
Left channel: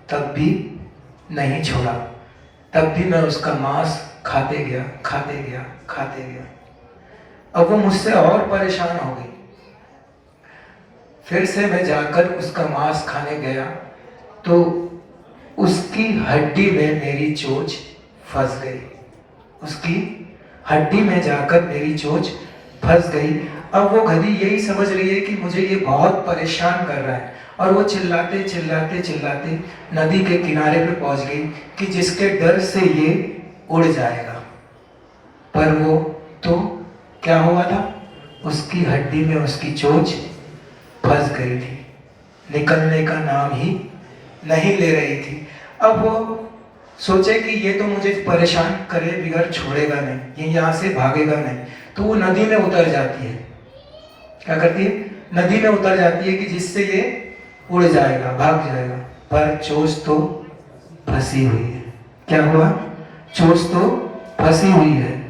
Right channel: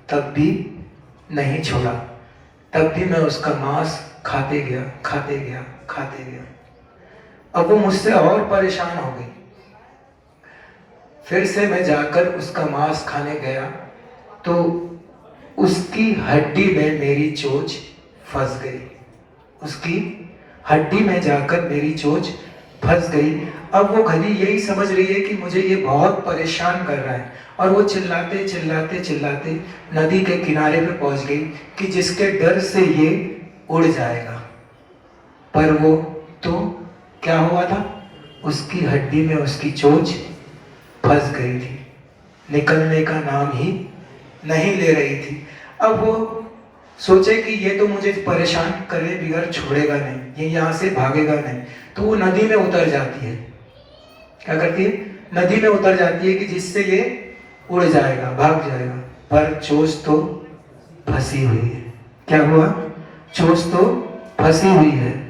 तब भी नहीं छोड़ा, तब भी मैं उसका मांस खाते गया, खाते गया, खाते गया। अब वो मुझसे और परेशान हो गई। फिर से मैं जाकर उसका मांस खाने गया तो उसकी हड्डी में मेरी चोंच फंस गई। उसकी हड्डी में जाकर मेरी चोंच फंस गई। अब वो गधी यही समझ रही है कि मुझे ये बहुत परेशान कर रहा है और वो चिल्लाते चिल्लाते चिल्लाते नदी के किनारे पे पहुंच गई कि जिसके डर से ये उड़ जाएगा। पर वो तो क्या हुआ था, उसकी हड्डी में उसकी चोंच फंस गई थी, निकलने का नाम ही नहीं ले रही थी। अब वो सोचे कि ये तो मुझे परेशान करे बिगर छोड़ेगा नहीं, ये यहाँ से भागेगा नहीं, तो वो नदी में उतर जाती है। क्या करती है? नदी में उतर जाती है कि जिससे ये उड़ जाएगा, भाग जाएगा। पर चोंच तो फंसी हुई है। क्या हुआ? चोंच तो फंसी हुई है।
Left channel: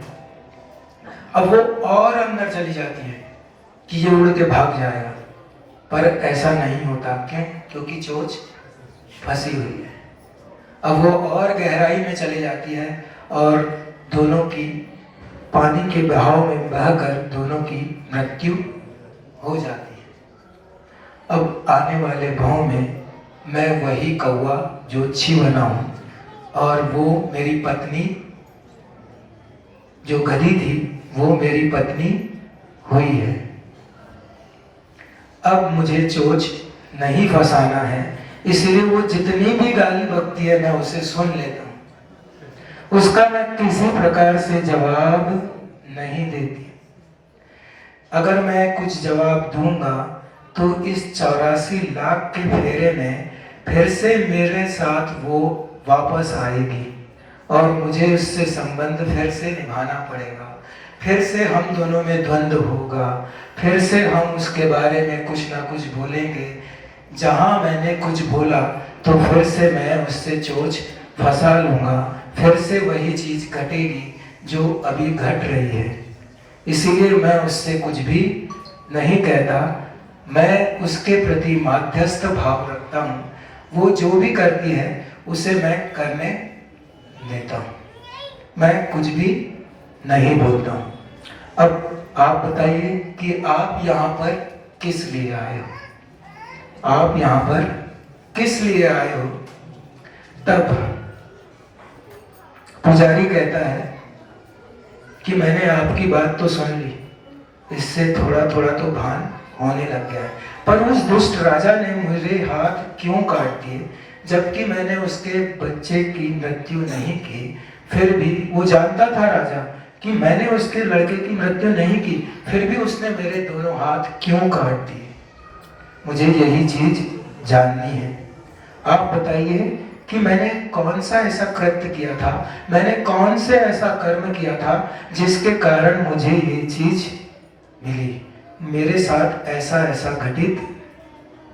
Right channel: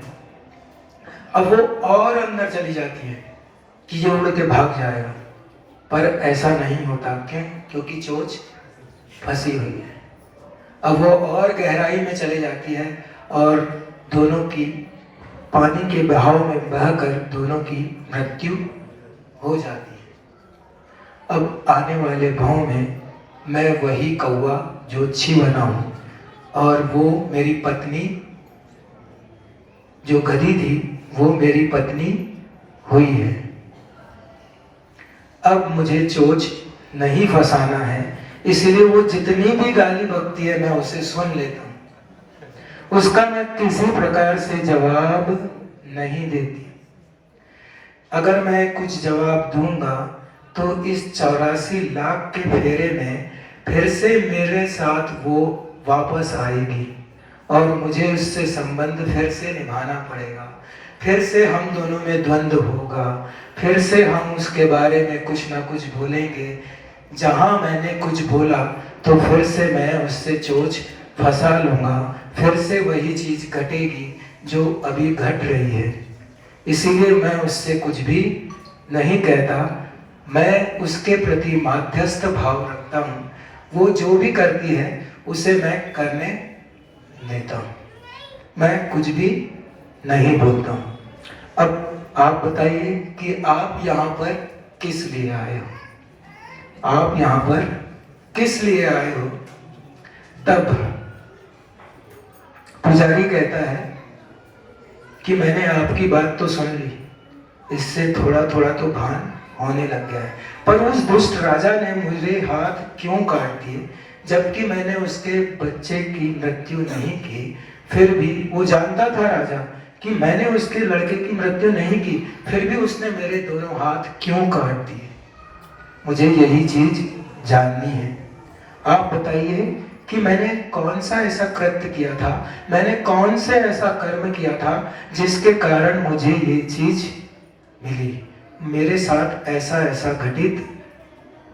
अब वो और अंदर चली जाती है कि ये उड़ के भाग जाएगा, पर ऐसा नहीं होता। क्यों? क्योंकि चोंच फंसी हुई है। अब वो और गहराई में चली जाती है और दोनों की पानी के बहाव में बहकर दोनों की मृत्यु हो जाती है। अब आने वाले भाव में मैं वही कौवा ज्योतिषी बना हूँ और वो मेरी पत्नी जो गधी थी वो मेरी पत्नी हुई है। अब मुझे चोच नहीं फंसाना है, इसलिए वो जितनी भी गाली बकती है मैं उसे सुन लेता हूँ, उसका मैं किसी प्रकार से जवाब नहीं देती। अगर मैं कुछ जवाब दूंगा तो इस 84 लाख के फेरे में फिर से मेरे साथ वो वापस आएगी और मुझे उससे संबंध फिर से निभाना पड़ेगा। फिर से हम दोनों में द्वंद्व होगा, फिर से हम उसके बारे में कुछ ना कुछ बोलेंगे। जहां मैंने कुछ बोला तो फिर से मैं उससे चोच फंसा लूंगा, फिर से वही चीज घटेगी जो अभी घट रही है। इसीलिए मैं उससे कुछ भी नहीं कहता, मैं उसके प्रति माध्यस्थ भाव रखता हूँ। वो जो भी करती है उसे मैं करने देता हूँ, मैं कुछ भी नहीं बोलता हूँ। अब आप बताइए कि आप यहाँ पर किस लिए आए हो? आप यहाँ पर किस लिए आए हो? तब पुजारी कहता है कि मैंने आपकी बात तो सुन ली, इससे थोड़ा थोड़ा तो भान होने लग गया है, पर उस दुष्ट राजा ने मुझे हाथ क्यों काट दिए, जबकि मैंने उसके बच्चे की मृत्यु नहीं की। फिर भी वो जानता था राजा कि मैंने उसके लड़के की मृत्यु नहीं की, फिर भी उसने मेरे दोनों हाथ क्यों काट दिए। मुझे यही चीज जाननी है। आप बताइए कि मैंने कौन सा ऐसा कृत्य किया था, मैंने कौन से ऐसा कर्म किया था जिसके कारण मुझे ये चीज मिली, मेरे साथ ऐसा ऐसा घटित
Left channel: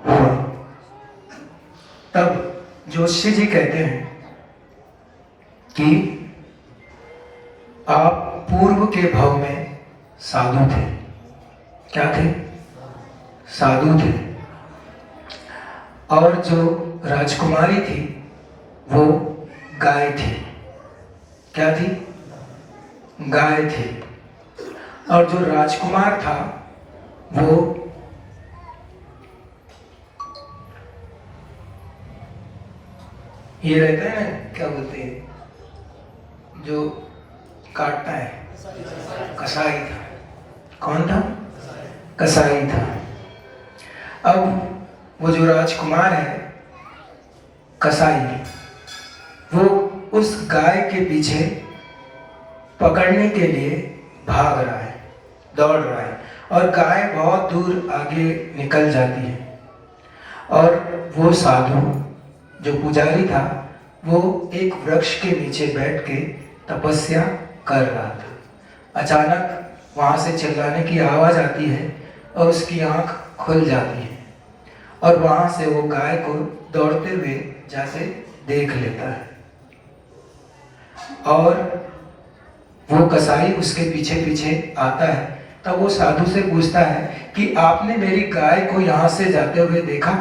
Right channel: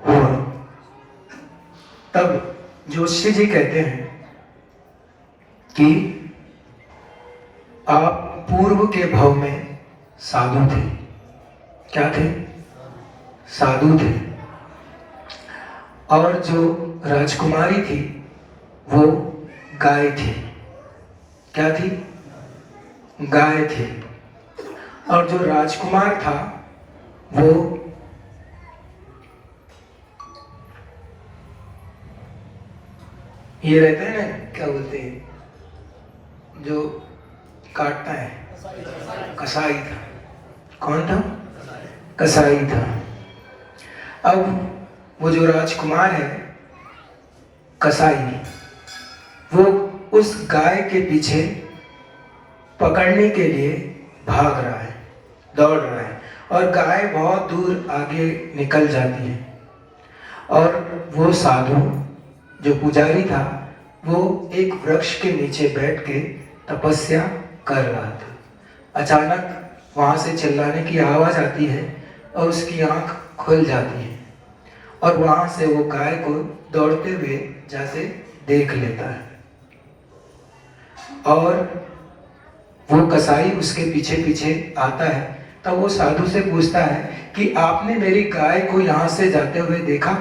हुआ। तब जोशी जी कहते हैं कि आप पूर्व के भव में साधु थे। क्या थे? साधु थे। और जो राजकुमारी थी वो गाय थी। क्या थी? गाय थी। और जो राजकुमार था वो ये रहते हैं ना, क्या बोलते हैं, जो काटता है, कसाई था। कौन था? कसाई था। अब वो जो राजकुमार है, कसाई, वो उस गाय के पीछे पकड़ने के लिए भाग रहा है, दौड़ रहा है, और गाय बहुत दूर आगे निकल जाती है। और वो साधु जो पुजारी था वो एक वृक्ष के नीचे बैठ के तपस्या कर रहा था। अचानक वहां से चिल्लाने की आवाज आती है और उसकी आंख खुल जाती है और वहां से वो गाय को दौड़ते हुए जैसे देख लेता है। और वो कसाई उसके पीछे पीछे आता है। तब वो साधु से पूछता है कि आपने मेरी गाय को यहाँ से जाते हुए देखा?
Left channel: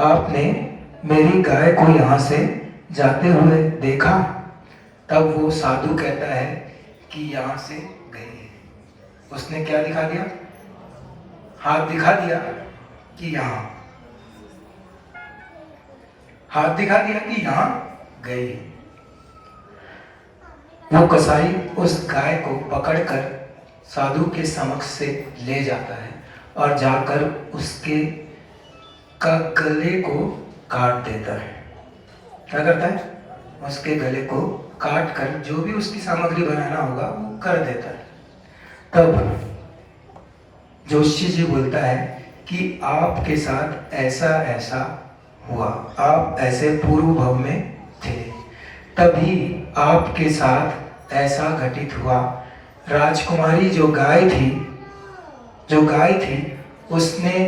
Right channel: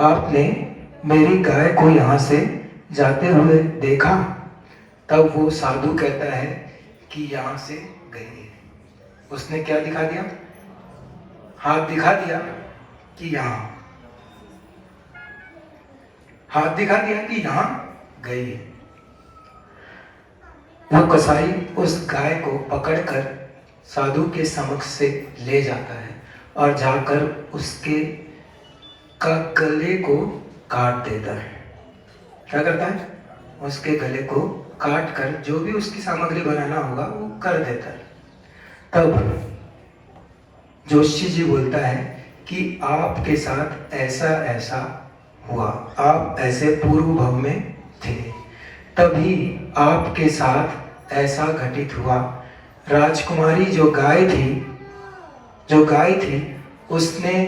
आपने मेरी गाय को यहाँ से जाते हुए देखा? तब वो साधु कहता है कि यहाँ से गई। उसने क्या दिखा दिया? हाथ दिखा दिया कि यहाँ, हाथ दिखा दिया कि यहाँ गई। वो कसाई उस गाय को पकड़कर साधु के समक्ष से ले जाता है और जाकर उसके का गले को काट देता है। क्या करता है? उसके गले को काट कर जो भी उसकी सामग्री बनाना होगा वो कर देता है। तब जोशी जी बोलता है कि आपके साथ ऐसा ऐसा हुआ, आप ऐसे पूर्व भव में थे, तभी आपके साथ ऐसा घटित हुआ। राजकुमारी जो गाय थी उसने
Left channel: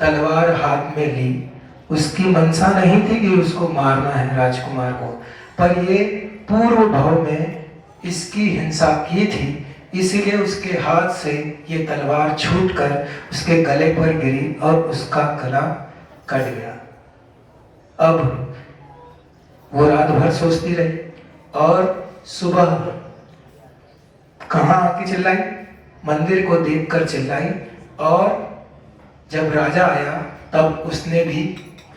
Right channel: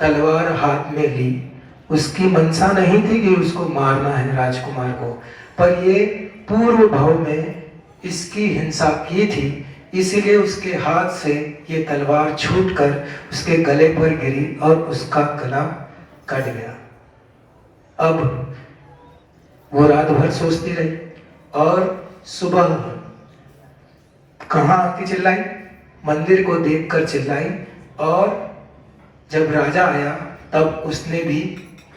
तलवार हाथ में ली। उसकी मनसा नहीं थी कि उसको मारना है राजकुमार को, पर ये पूर्व भव में इसकी हिंसा की थी, इसीलिए उसके हाथ से ये तलवार छूटकर उसके गले पर गिरी और उसका गला कट गया। अब वो रात भर सोचती रही और सुबह कहाँ आके चिल्लाई? मंदिर को देखकर चिल्लाई। और जब राजा आया तब उसने भी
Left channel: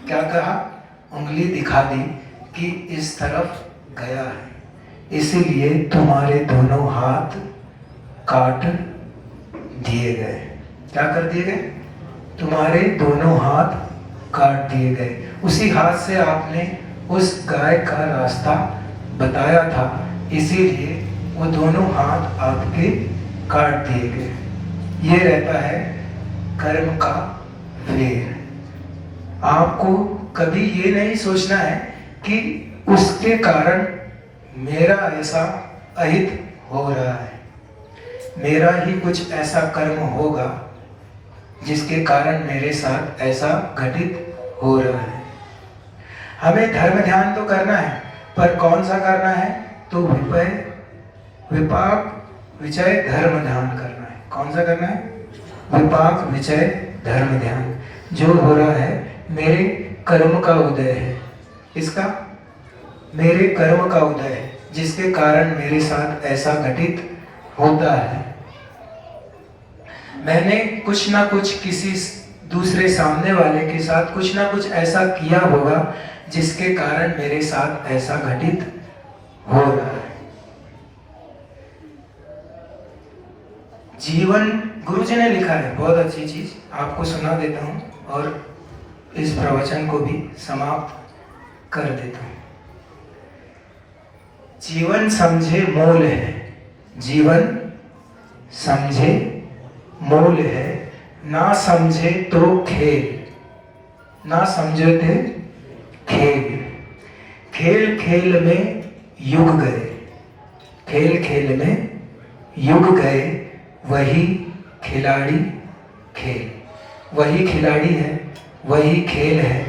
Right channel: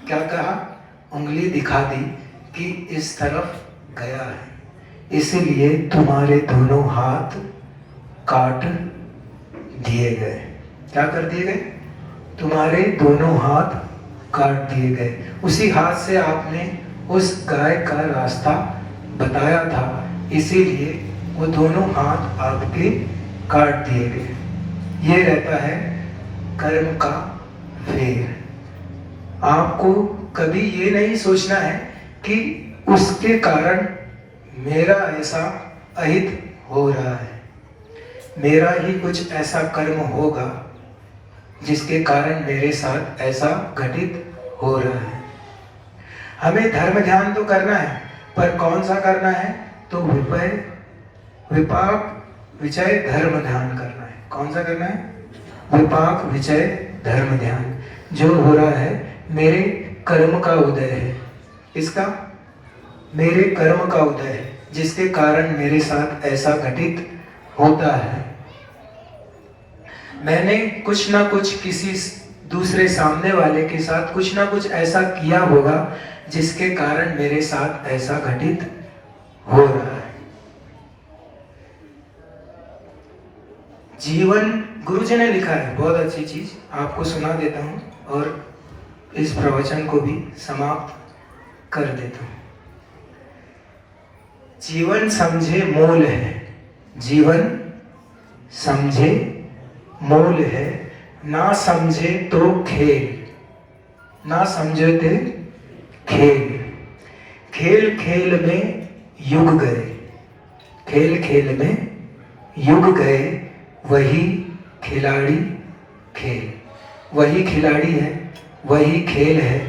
क्या कहा? उंगली दिखा दी कि इस तरफ गया है। इसीलिए तुम्हारे दोनों हाथ काट दिए गए। क्या कर दिए गए? तुम्हारे दोनों हाथ काट दिए गए। उसी हाथ से आपने उस गाय का रास्ता बताया था, इसीलिए वो दोनों हाथ आपके काट दिए गए। ये रहता है कर्म का फेर। आपको कभी ये नहीं सोचना है कि उसके कारण मेरा ऐसा अहित हो रहा है, मेरा ही कुछ ऐसा कर्म होगा जिसके कारण मेरे साथ ऐसा घटित हो रहा है। हमें धर्म ध्यान तो करना है, पर कौन सा करना है? तो विपाक विचय धर्म ध्यान करना है। कौन सा करना है? विपाक विचय धर्म ध्यान। जो हो रहा है मेरे कर्म का उदय है। इसका मेरे कर्म का उदय है, जिसके कारण मेरे साथ ऐसा घटित होता है। मैंने कुछ ना कुछ किसी दूसरे सामने वाले के साथ कुछ ना कुछ ऐसा किया होगा जिसके कारण मेरे साथ ऐसा घटित हो रहा है। जीवन, गुरुजी ने लिखा है बहुत अच्छी चीज, आपको सुना देता हूं और इस प्रवचन को भी समाप्त कर देता हूं। जीवन समझे मूल है, जीवन समझे मूल है, ना समझे तो खेल, ना समझे तो खेल। खेल खेल में युग गए, खेल खेल में युग गए, वही खिलाड़ी खेल। वही खिलाड़ी है, वही खेल है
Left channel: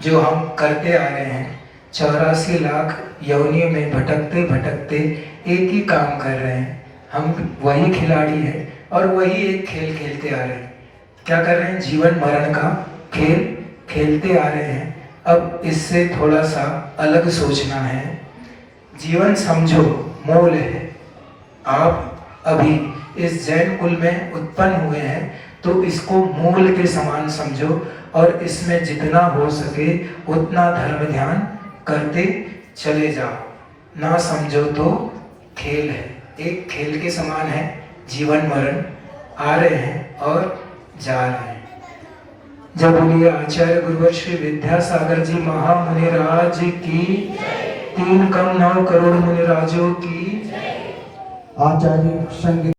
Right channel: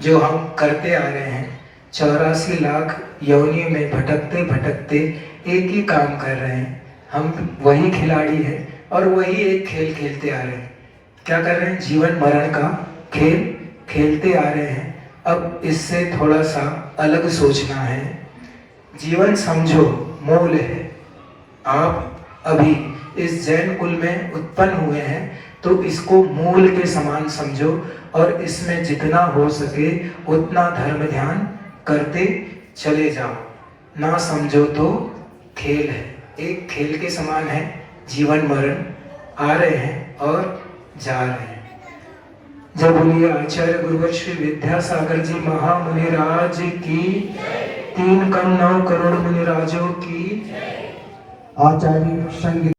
जो हम करते आ रहे हैं। 84 लाख योनियों में भटकते भटकते एक ही काम कर रहे हैं। हम वही खिलाड़ी है और वही एक खेल खेलते आ रहे हैं। क्या कर रहे हैं? जीवन मरण का खेल खेलते आ रहे हैं। अब इससे थोड़ा सा अलग सोचना है। जीवन समझो मूल है। आप अभी इस जैन कुल में उत्पन्न हुए हैं, तो इसको मूल के समान समझो और इसमें जितना हो सके उतना धर्म ध्यान करते चले जाओ। ना समझो तो खेल है, एक खेल के समान है। जीवन मरण आ रहे हैं और जा रहे हैं। जब बोलिए आचार्य गुरुवर श्री विद्यासागर जी महामुनिराज की, 3 कम 9 करोड़ मुनिराजों की। आचार्य संगीत